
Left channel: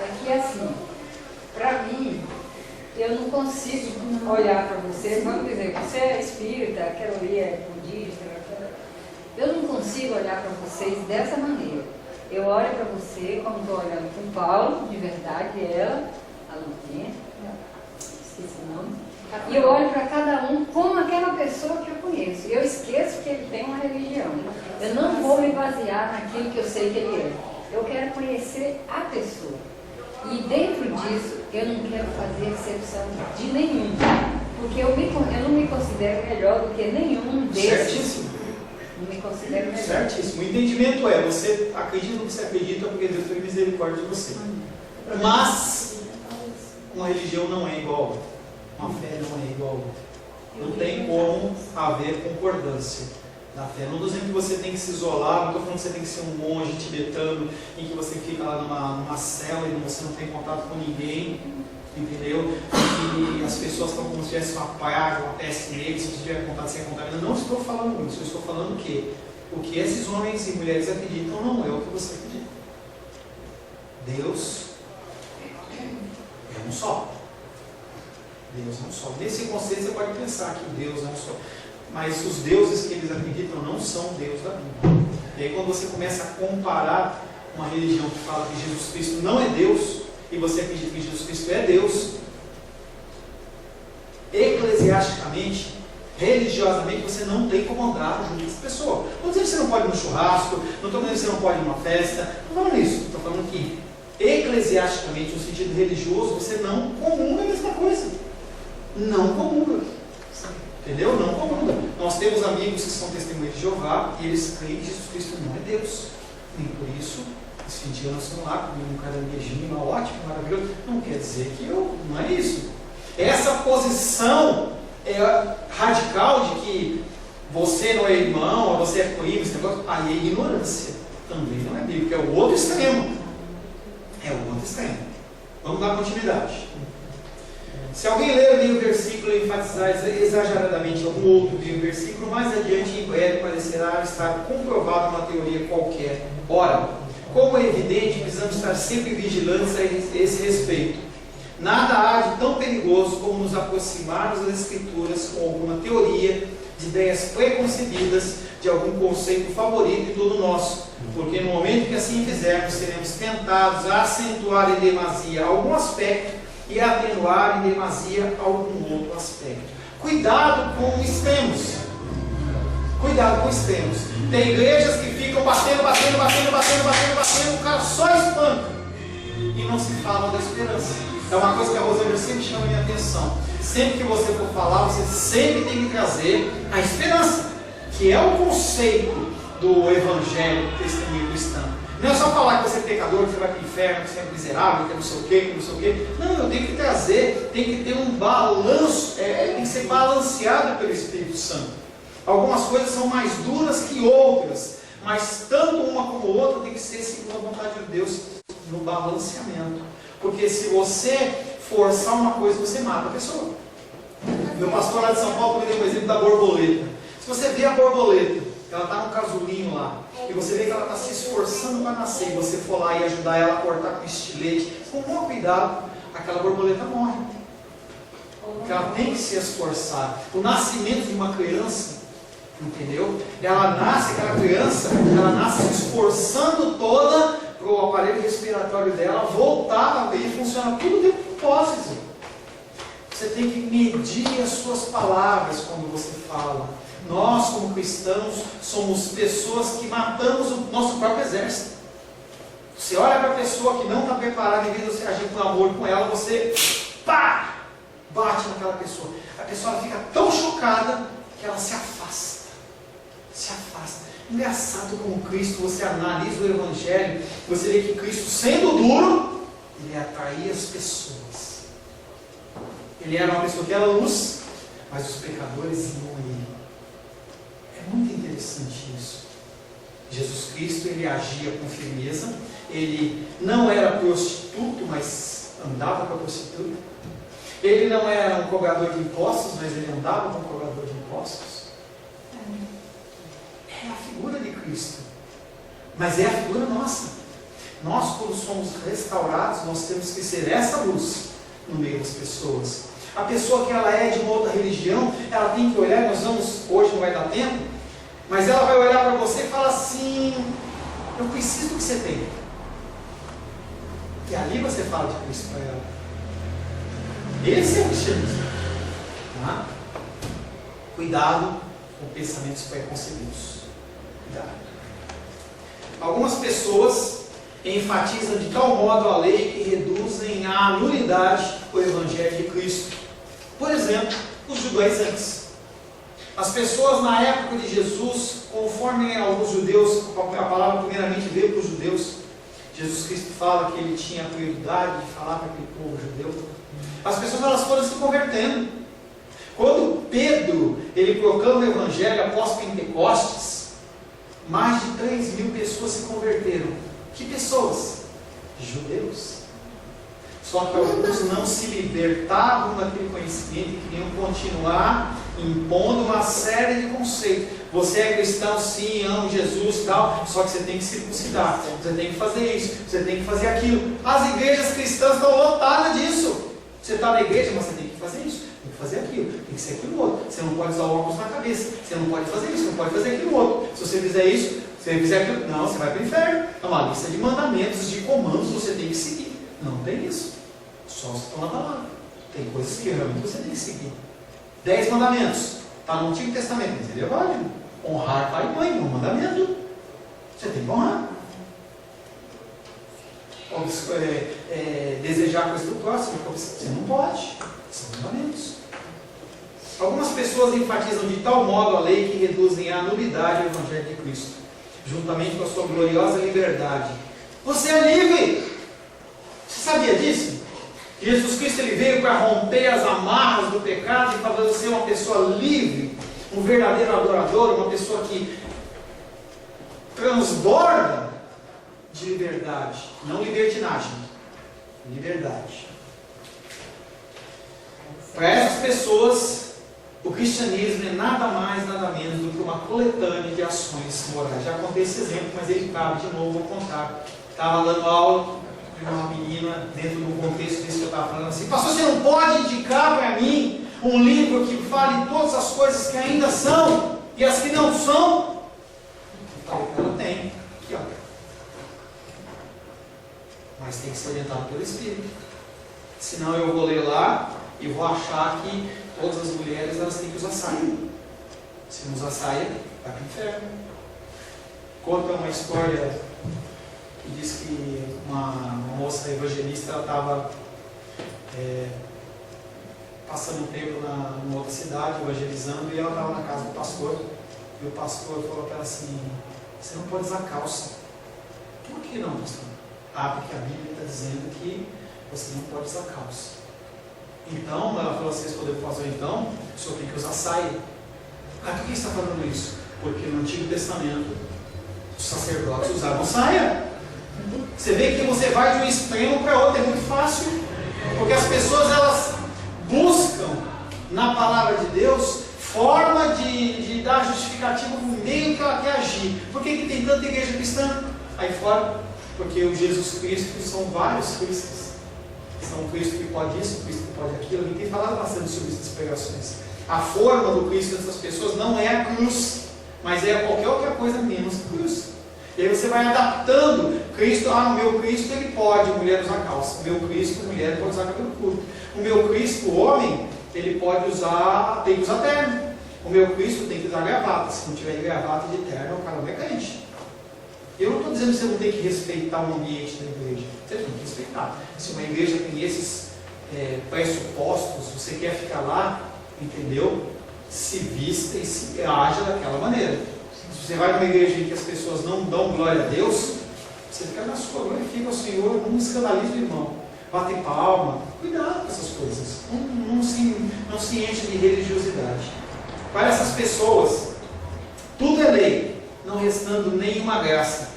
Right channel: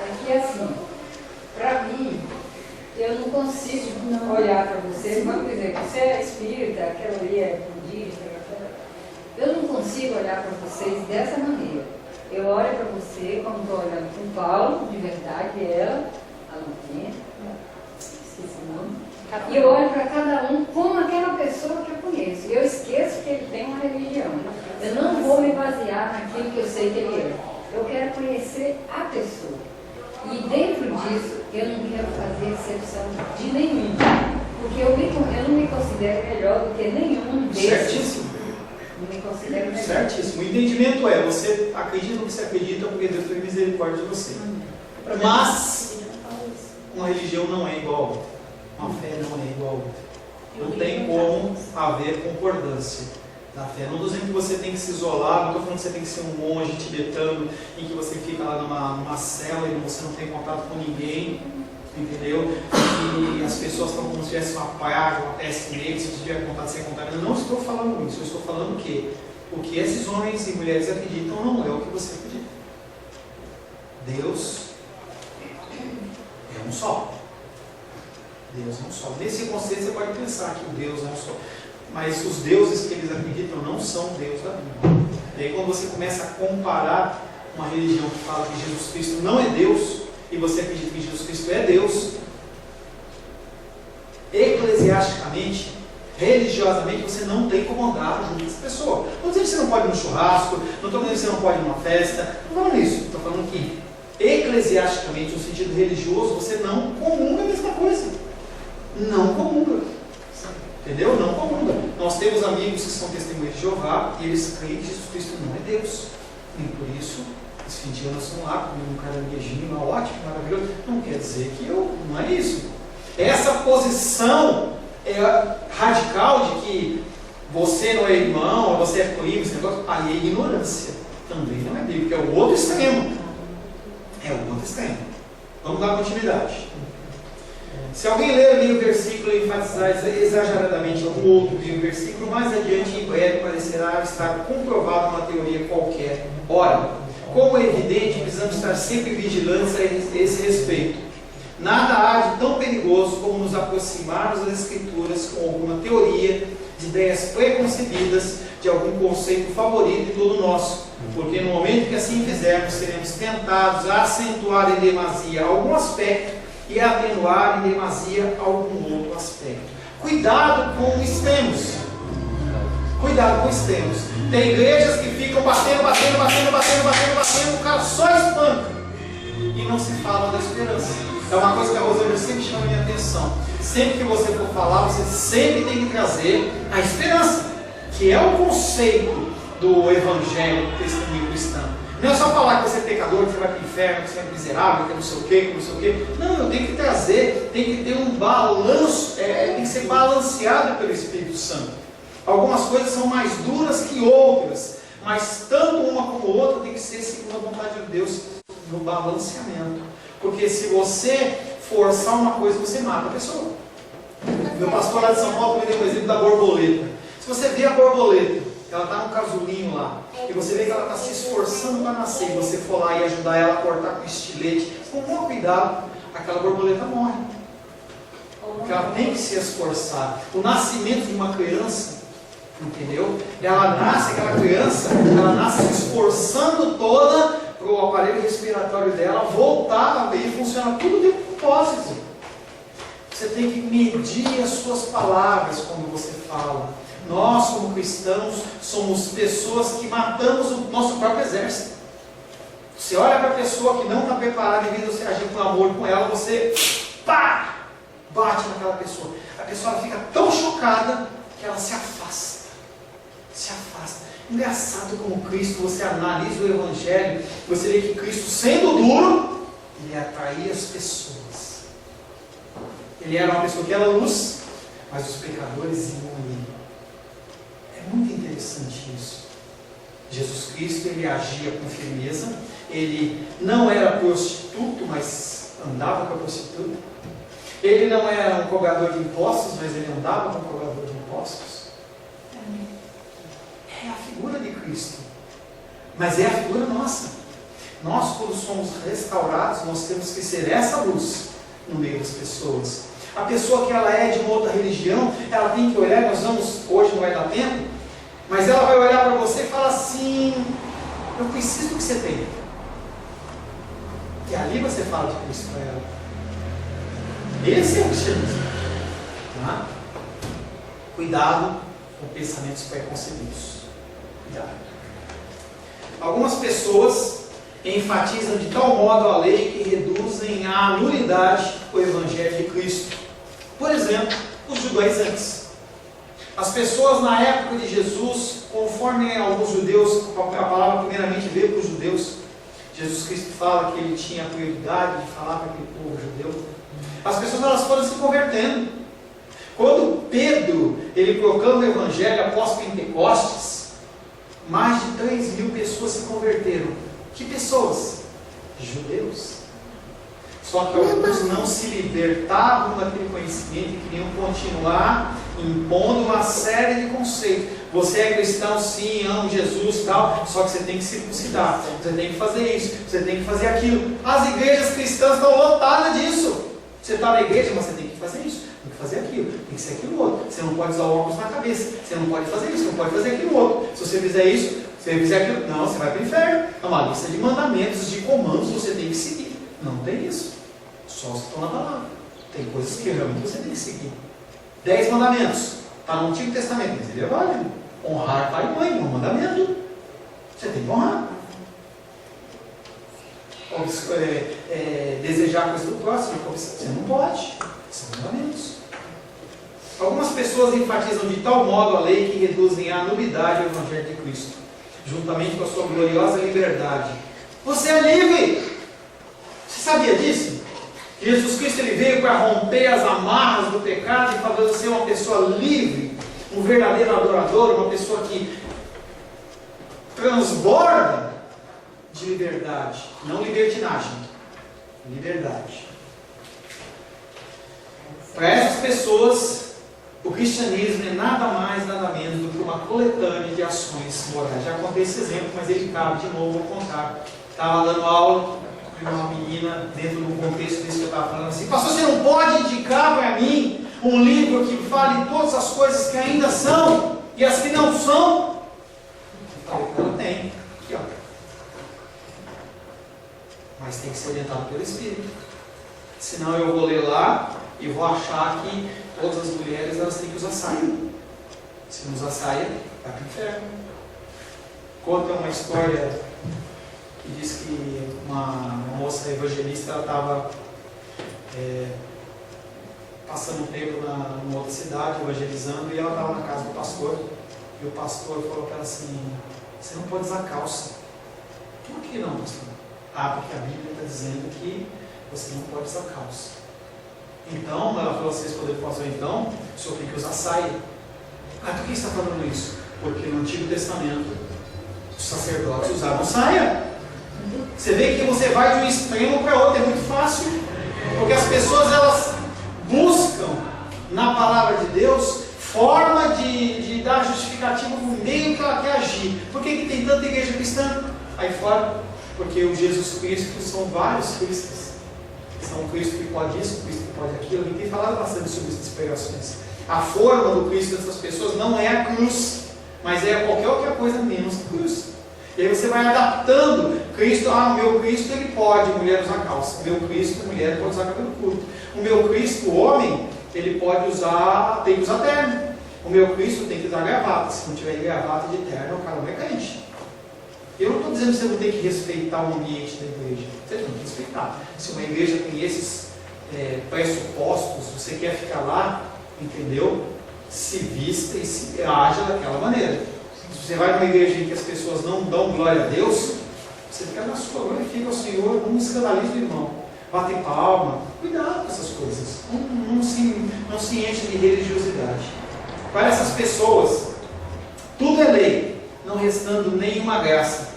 É que assim, para mim, eu não consigo olhar para você, vamos dizer, você é espírita, aquela ali é budista, eu não consigo olhar para vocês dessa maneira. Eu olho para você como estou olhando para o Paulo, de verdade, ela, a Luquinha, esqueci o nome, e eu olho para cada um como aquela pessoa que eu conheço. E eu esqueço que ele tem uma religião. Eu não vou me basear naquilo que eu sei que ele é. Eu quero conhecer a pessoa. E dentro disso, eu não quero fazer exceção de nenhum. Porque eu não me considero melhor do que nenhum desses. Certíssimo. Não me considero melhor. Certíssimo. O entendimento é, você acredita no que você acredita porque Deus teve misericórdia de você. Mas, uma religião não é igual a outra. Uma fé não é igual a outra. Não tem como haver concordância na fé. Não estou dizendo que você tem que se isolar, não estou falando que você tem que ser um monge tibetano, em que você fica lá numa cela e você não tem contato com ninguém, entendeu? E as pessoas estão como se tivesse uma praga, uma peste negra, se você tiver contato, você é contaminado. Não estou falando isso, eu estou falando que o que esses homens e mulheres acreditam não é o que você acredita. Deus é um só. Deus é um só. Nesse conceito você pode pensar que o Deus é um só. Mas os deuses que eles acreditam não são Deus da Bíblia. E aí quando você começa a comparar uma religião que fala que Jesus Cristo não é Deus, e você acredita que Jesus Cristo é Deus, eclesiasticamente, religiosamente, você não tem como andar junto com essa pessoa. Não estou dizendo que você não pode ir no churrasco, não estou dizendo que você não pode ir numa festa, não estou falando isso. Estou falando que, eclesiasticamente, no sentido religioso, você não comunga a mesma coisa. Não comunga. Entendeu? Não comunga. Nós temos amigos que são testemunhas de Jeová e eles creem que Jesus Cristo não é Deus. Nem por isso, esse fim de ano nós estamos lá comendo um caranguejinho, ótimo, maravilhoso. Não quer dizer que não é isso. Essa posição radical de que você não é irmão, ou você é primo, esse negócio, aí é ignorância. Também não é bíblico, é o outro extremo. É o outro extremo. Vamos dar continuidade. Se alguém ler ali o versículo e enfatizar exageradamente algum outro versículo, mais adiante, em breve, parecerá estar comprovado uma teoria qualquer. Ora, como é evidente, precisamos estar sempre vigilantes a esse respeito. Nada há de tão perigoso como nos aproximarmos das Escrituras com alguma teoria, de ideias preconcebidas, de algum conceito favorito e todo nosso. Porque no momento que assim fizermos, seremos tentados a acentuar em demasia algum aspecto e a atenuar em demasia algum outro aspecto. Cuidado com extremos. Cuidado com extremos. Tem igrejas que ficam batendo, o cara só espanca. E não se fala da esperança. É uma coisa que a Rosângela sempre chama a minha atenção. Sempre que você for falar, você sempre tem que trazer a esperança, que é o conceito do Evangelho do testemunho cristão. Não é só falar que você é pecador, que você vai para o inferno, que você é miserável, que não sei o quê, que não sei o quê. Não, eu tenho que trazer, tem que ter um balanço, tem que ser balanceado pelo Espírito Santo. Algumas coisas são mais duras que outras, mas tanto uma como outra tem que ser segundo a vontade de Deus no balanceamento. Porque se você forçar uma coisa, você mata a pessoa. Meu pastor lá de São Paulo me deu um exemplo da borboleta. Se você vê a borboleta, ela está num casulinho lá, e você vê que ela está se esforçando para nascer, e você for lá e ajudar ela a cortar com estilete, com o maior cuidado, aquela borboleta morre. Porque ela tem que se esforçar. O nascimento de uma criança, entendeu? Ela nasce, aquela criança, ela nasce se esforçando toda para o aparelho respiratório dela voltar a ver e funcionar tudo dentro do propósito. Você tem que medir as suas palavras quando você fala. Nós, como cristãos, somos pessoas que matamos o nosso próprio exército. Você olha para a pessoa que não está preparada, em vez de você agir com amor com ela, você pá, bate naquela pessoa. A pessoa fica tão chocada que ela se afasta. Se afasta. Engraçado como Cristo, você analisa o Evangelho, você vê que Cristo, sendo duro, ele atraía as pessoas. Ele era uma pessoa que era luz, mas os pecadores iam a ele. É muito interessante isso. Jesus Cristo, ele agia com firmeza, ele não era prostituto, mas andava com a prostituta. Ele não era um cobrador de impostos, mas ele andava com um cobrador de impostos. É a figura de Cristo, mas é a figura nossa. Nós, quando somos restaurados, nós temos que ser essa luz no meio das pessoas. A pessoa que ela é de uma outra religião, ela tem que olhar, nós vamos, hoje não vai dar tempo, mas ela vai olhar para você e falar assim: eu preciso do que você tem. E ali você fala de Cristo para ela. Esse é o cristianismo. Tá? Cuidado com pensamentos preconcebidos. Cuidado. Algumas pessoas enfatizam de tal modo a lei que reduzem à nulidade o Evangelho de Cristo. Por exemplo, os judaizantes. As pessoas na época de Jesus, conforme alguns judeus, a palavra primeiramente veio para os judeus, Jesus Cristo fala que ele tinha a prioridade de falar para aquele povo judeu. As pessoas elas foram se convertendo. Quando Pedro ele proclama o Evangelho após Pentecostes, mais de 3.000 pessoas se converteram. Que pessoas? Judeus. Só que alguns não se libertavam daquele conhecimento e queriam continuar impondo uma série de conceitos. Você é cristão, sim, ama Jesus, tal, só que você tem que circuncidar, você tem que fazer isso, você tem que fazer aquilo. As igrejas cristãs estão lotadas disso. Você está na igreja, mas você tem que fazer isso, tem que fazer aquilo, tem que ser aquilo outro. Você não pode usar o óculos na cabeça, você não pode fazer isso, não pode fazer aquilo outro. Se você fizer isso, se você fizer aquilo, não, você vai para o inferno. É uma lista de mandamentos, de comandos, você tem que seguir. Não tem isso. Só os que estão na palavra. Tem coisas que realmente você tem que seguir. 10 mandamentos. Está no Antigo Testamento, mas ele é válido. Honrar pai e mãe é um mandamento. Você tem que honrar. Desejar a coisa do próximo, você não pode. São mandamentos. Algumas pessoas enfatizam de tal modo a lei que reduzem à nulidade o Evangelho de Cristo, juntamente com a sua gloriosa liberdade. Você é livre! Você sabia disso? Que Jesus Cristo ele veio para romper as amarras do pecado e fazer você uma pessoa livre, um verdadeiro adorador, uma pessoa que transborda de liberdade, não libertinagem, liberdade. Para essas pessoas, o cristianismo é nada mais, nada menos do que uma coletânea de ações morais. Já contei esse exemplo, mas ele cabe de novo, vou contar. Estava dando aula para uma menina, dentro do contexto disso que eu estava falando assim: pastor, você não pode indicar para mim um livro que fale todas as coisas que ainda são e as que não são? Eu falei para ela: tem, aqui ó. Mas tem que ser orientado pelo Espírito. Senão eu vou ler lá e vou achar que todas as mulheres elas têm que usar saia. Se não usar saia, vai para o inferno. Conta uma história que diz que uma moça evangelista estava passando um tempo numa outra cidade, evangelizando, e ela estava na casa do pastor. E o pastor falou para ela assim: você não pode usar calça. Por que não, pastor? Porque a Bíblia está dizendo que você não pode usar calça. Então, ela falou assim: respondeu para o pastor, então, o senhor tem que usar saia. Por que está falando isso? Porque no Antigo Testamento, os sacerdotes usavam saia. Você vê que você vai de um extremo para outro, é muito fácil. Porque as pessoas, elas buscam, na palavra de Deus, forma de dar justificativa no meio que ela quer agir. Por que tem tanta igreja cristã aí fora? Porque o Jesus Cristo são vários Cristos. São o Cristo que pode isso, o Cristo que pode aquilo. A gente tem falado bastante sobre essas pregações. A forma do Cristo dessas pessoas não é a cruz, mas é qualquer outra coisa menos cruz. E aí você vai adaptando Cristo. O meu Cristo ele pode, mulher usar calça. O meu Cristo, mulher pode usar cabelo curto. O meu Cristo, homem, ele pode usar, tem que usar terno. O meu Cristo tem que usar gravata. Se não tiver gravata de terno, o cara não é crente. Eu não estou dizendo que você não tem que respeitar o ambiente da igreja. Você tem que respeitar. Se uma igreja tem esses pressupostos, você quer ficar lá, entendeu? Se vista e se haja daquela maneira. Se você vai numa igreja em que as pessoas não dão glória a Deus, você fica na sua, glorifica ao Senhor, não escandaliza o irmão. Bate palma, cuidado com essas coisas. Não se enche de religiosidade. Para essas pessoas, tudo é lei, não restando nenhuma graça.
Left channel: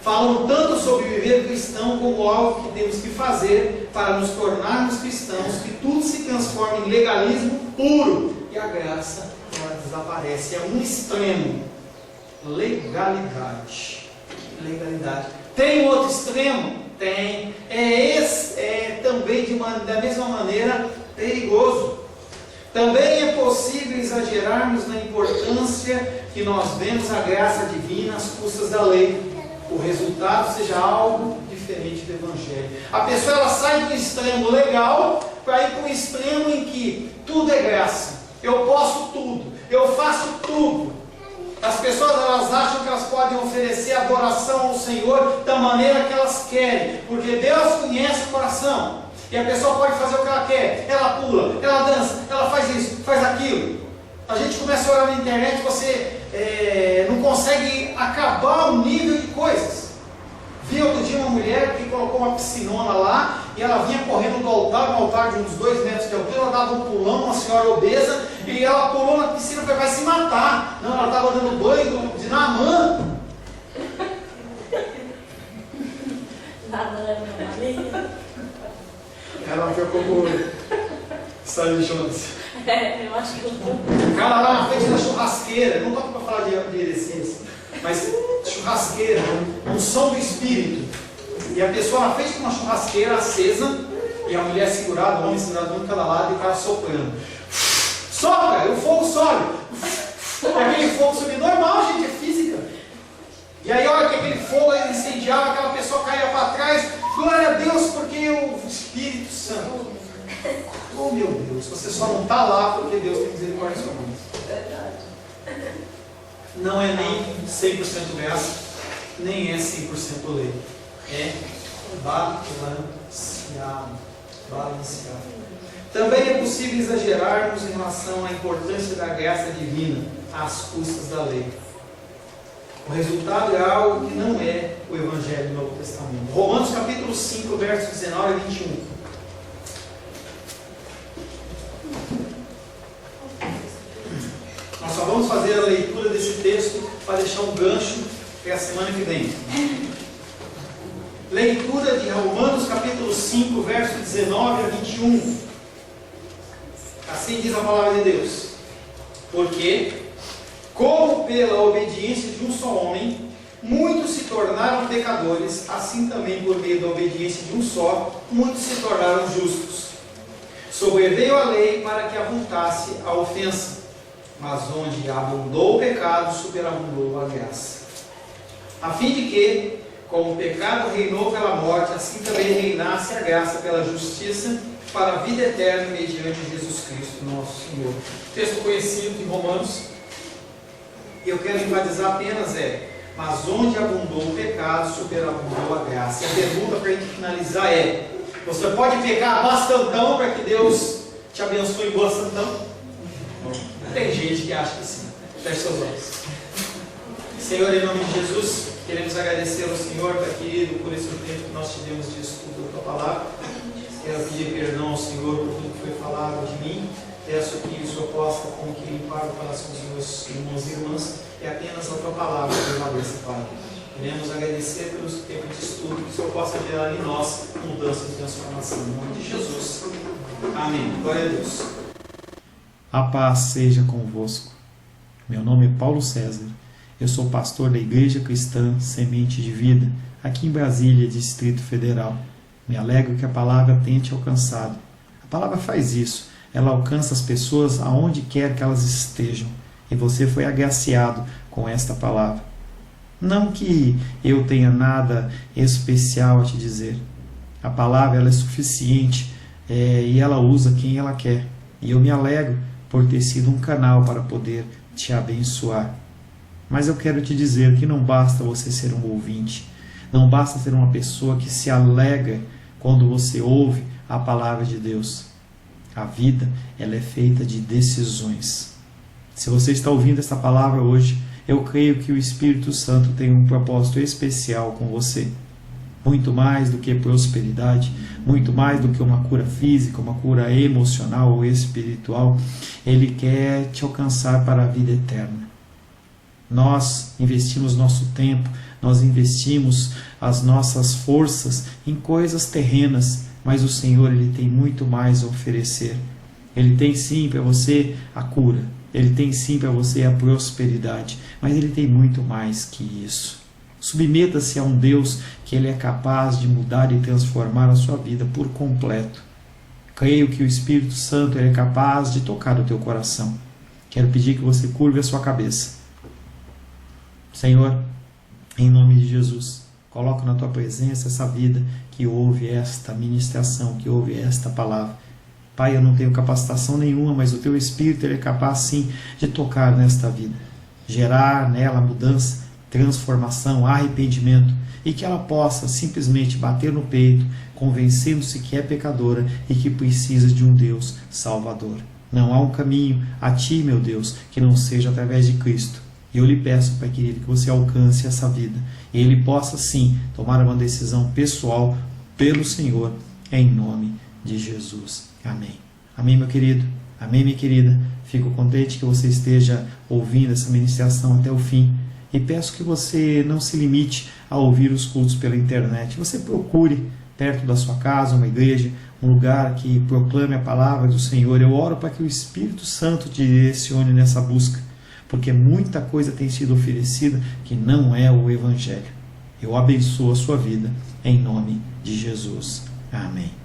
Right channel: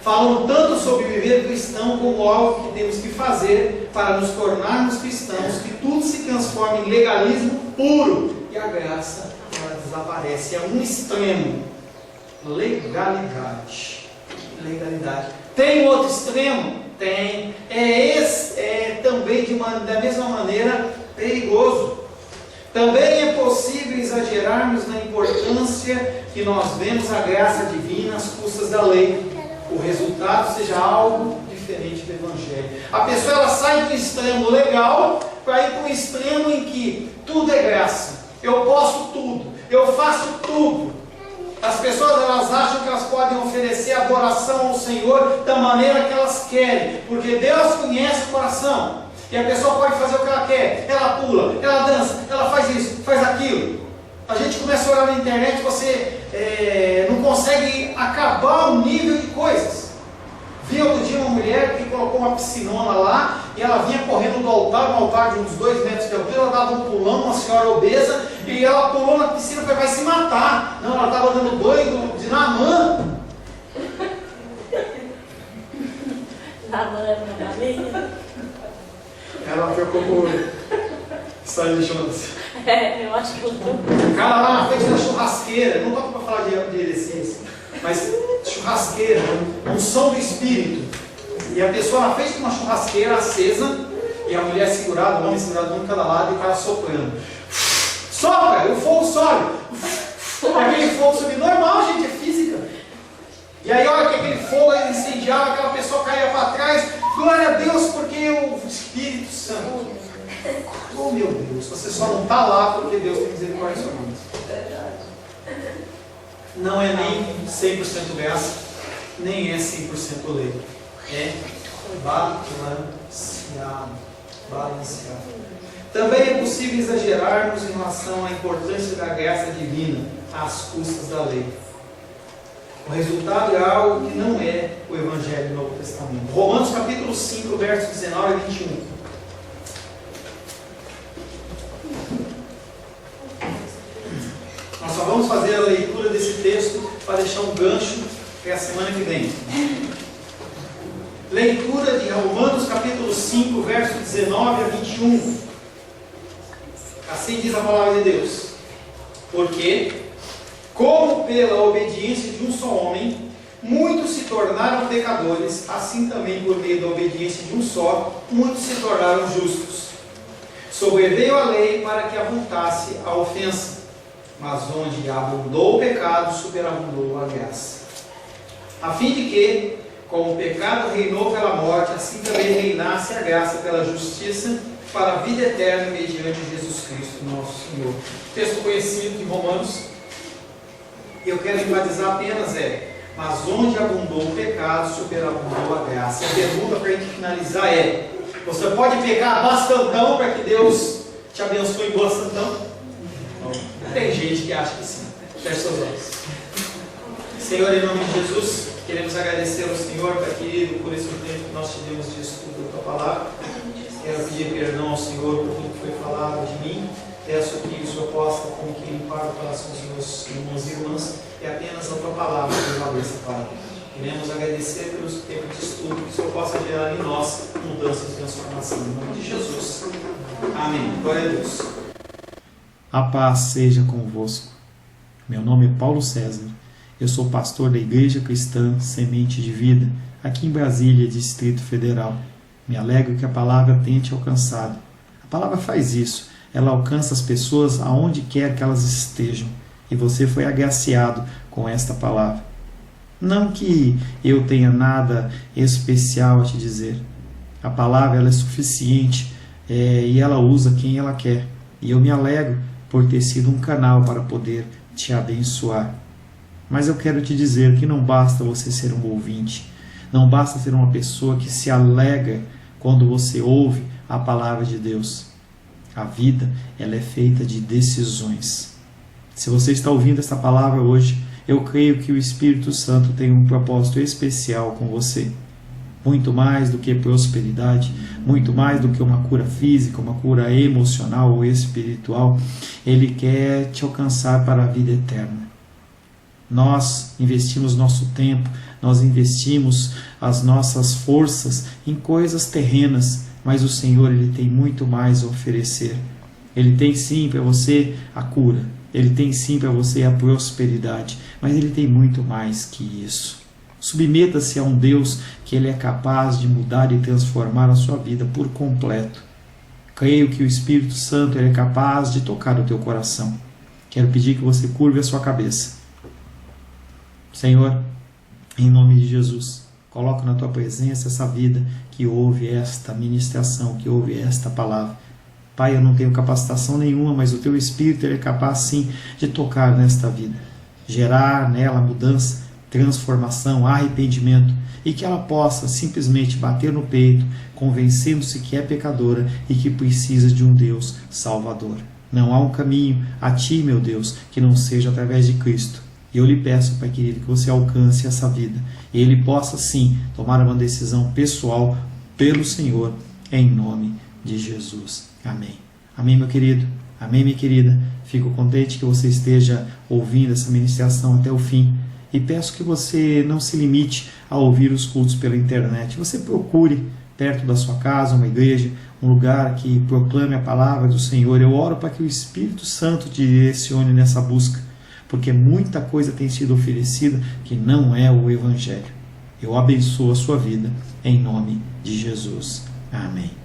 Falam tanto sobre viver cristão como algo que temos que fazer para nos tornarmos cristãos, que tudo se transforma em legalismo puro e a graça ela desaparece. É um extremo. Legalidade. Tem outro extremo? Tem. Também da mesma maneira perigoso. Também é possível exagerarmos na importância que nós vemos a graça divina às custas da lei. O resultado seja algo diferente do Evangelho. A pessoa ela sai do extremo legal para ir para um extremo em que tudo é graça. Eu posso tudo, eu faço tudo. As pessoas elas acham que elas podem oferecer adoração ao Senhor da maneira que elas querem, porque Deus conhece o coração. E a pessoa pode fazer o que ela quer. Ela pula, ela dança, ela faz isso, faz aquilo. A gente começa a olhar na internet, você não consegue acabar o nível de coisas. Vi outro dia uma mulher que colocou uma piscinona lá, e ela vinha correndo do altar, um altar de uns 2 metros de altura, ela dava um pulão, uma senhora obesa, e ela pulou na piscina e falou, vai se matar. Não, ela estava dando banho de Naamã. Ela ficou com Sérgio Jones. Eu acho que eu tô. O cara lá na frente da churrasqueira, não estou para falar de heresia, mas churrasqueira, unção do Espírito. E a pessoa na frente de uma churrasqueira acesa, e a mulher segurada, o homem segurado um de cada lado, e o cara soprando. Sopra, e o fogo sobe. Aquele fogo subir, normal, gente, é física. E aí, olha que aquele fogo incendiava, aquela pessoa caía para trás. Glória a Deus, porque o Espírito Santo. Oh meu Deus, você só não está lá porque Deus tem misericórdia sobre nós. Não é nem 100% graça, nem é 100% lei. É balanceado. Também é possível exagerarmos em relação à importância da graça divina às custas da lei. O resultado é algo que não é o Evangelho do Novo Testamento. Romanos capítulo 5, versos 19 a 21. Nós só vamos fazer a leitura desse texto para deixar um gancho para a semana que vem. Leitura de Romanos capítulo 5, versos 19 a 21. Assim diz a palavra de Deus. Porque, como pela obediência de um só homem, muitos se tornaram pecadores, assim também por meio da obediência de um só, muitos se tornaram justos. Sobreveio a lei para que avultasse a ofensa, mas onde abundou o pecado, superabundou a graça. A fim de que, como o pecado reinou pela morte, assim também reinasse a graça pela justiça, para a vida eterna, mediante Jesus Cristo, nosso Senhor. Texto conhecido de Romanos. Eu quero enfatizar apenas mas onde abundou o pecado, superabundou a graça. A pergunta para a gente finalizar é: você pode pecar bastantão para que Deus te abençoe bastantão? Tem gente que acha que sim. Feche seus olhos. Senhor, em nome de Jesus, queremos agradecer ao Senhor, Pai querido, por esse tempo que nós tivemos de estudo da Tua Palavra. Quero pedir perdão ao Senhor por tudo que foi falado de mim. Peço que o Senhor possa, como que limpar o coração dos meus irmãos e irmãs, e apenas a Tua Palavra prevaleça, Pai. Queremos agradecer pelo tempo de estudo, que o Senhor possa gerar em nós mudança e transformação. Em nome de Jesus. Amém. Glória a Deus. A paz seja convosco. Meu nome é Paulo César. Eu sou pastor da Igreja Cristã Semente de Vida, aqui em Brasília, Distrito Federal. Me alegro que a palavra tenha te alcançado. A palavra faz isso. Ela alcança as pessoas aonde quer que elas estejam. E você foi agraciado com esta palavra. Não que eu tenha nada especial a te dizer. A palavra ela é suficiente e ela usa quem ela quer. E eu me alegro por ter sido um canal para poder te abençoar. Mas eu quero te dizer que não basta você ser um ouvinte. Não basta ser uma pessoa que se alegra quando você ouve a palavra de Deus. A vida, ela é feita de decisões. Se você está ouvindo essa palavra hoje, eu creio que o Espírito Santo tem um propósito especial com você. Muito mais do que prosperidade, muito mais do que uma cura física, uma cura emocional ou espiritual, Ele quer te alcançar para a vida eterna. Nós investimos nosso tempo, nós investimos as nossas forças em coisas terrenas, mas o Senhor ele tem muito mais a oferecer. Ele tem sim para você a cura, Ele tem sim para você a prosperidade, mas Ele tem muito mais que isso. Submeta-se a um Deus que Ele é capaz de mudar e transformar a sua vida por completo. Creio que o Espírito Santo ele é capaz de tocar o teu coração. Quero pedir que você curve a sua cabeça. Senhor, em nome de Jesus, coloco na Tua presença essa vida que ouve esta ministração, que ouve esta palavra. Pai, eu não tenho capacitação nenhuma, mas o Teu Espírito ele é capaz sim de tocar nesta vida, gerar nela mudança, transformação, arrependimento, e que ela possa simplesmente bater no peito, convencendo-se que é pecadora e que precisa de um Deus salvador. Não há um caminho a Ti, meu Deus, que não seja através de Cristo. E eu lhe peço, Pai querido, que você alcance essa vida e ele possa sim tomar uma decisão pessoal pelo Senhor, em nome de Jesus. Amém. Amém, meu querido. Amém, minha querida. Fico contente que você esteja ouvindo essa ministração até o fim. E peço que você não se limite a ouvir os cultos pela internet. Você procure perto da sua casa uma igreja, um lugar que proclame a palavra do Senhor. Eu oro para que o Espírito Santo te direcione nessa busca, porque muita coisa tem sido oferecida que não é o Evangelho. Eu abençoo a sua vida em nome de Jesus. Amém.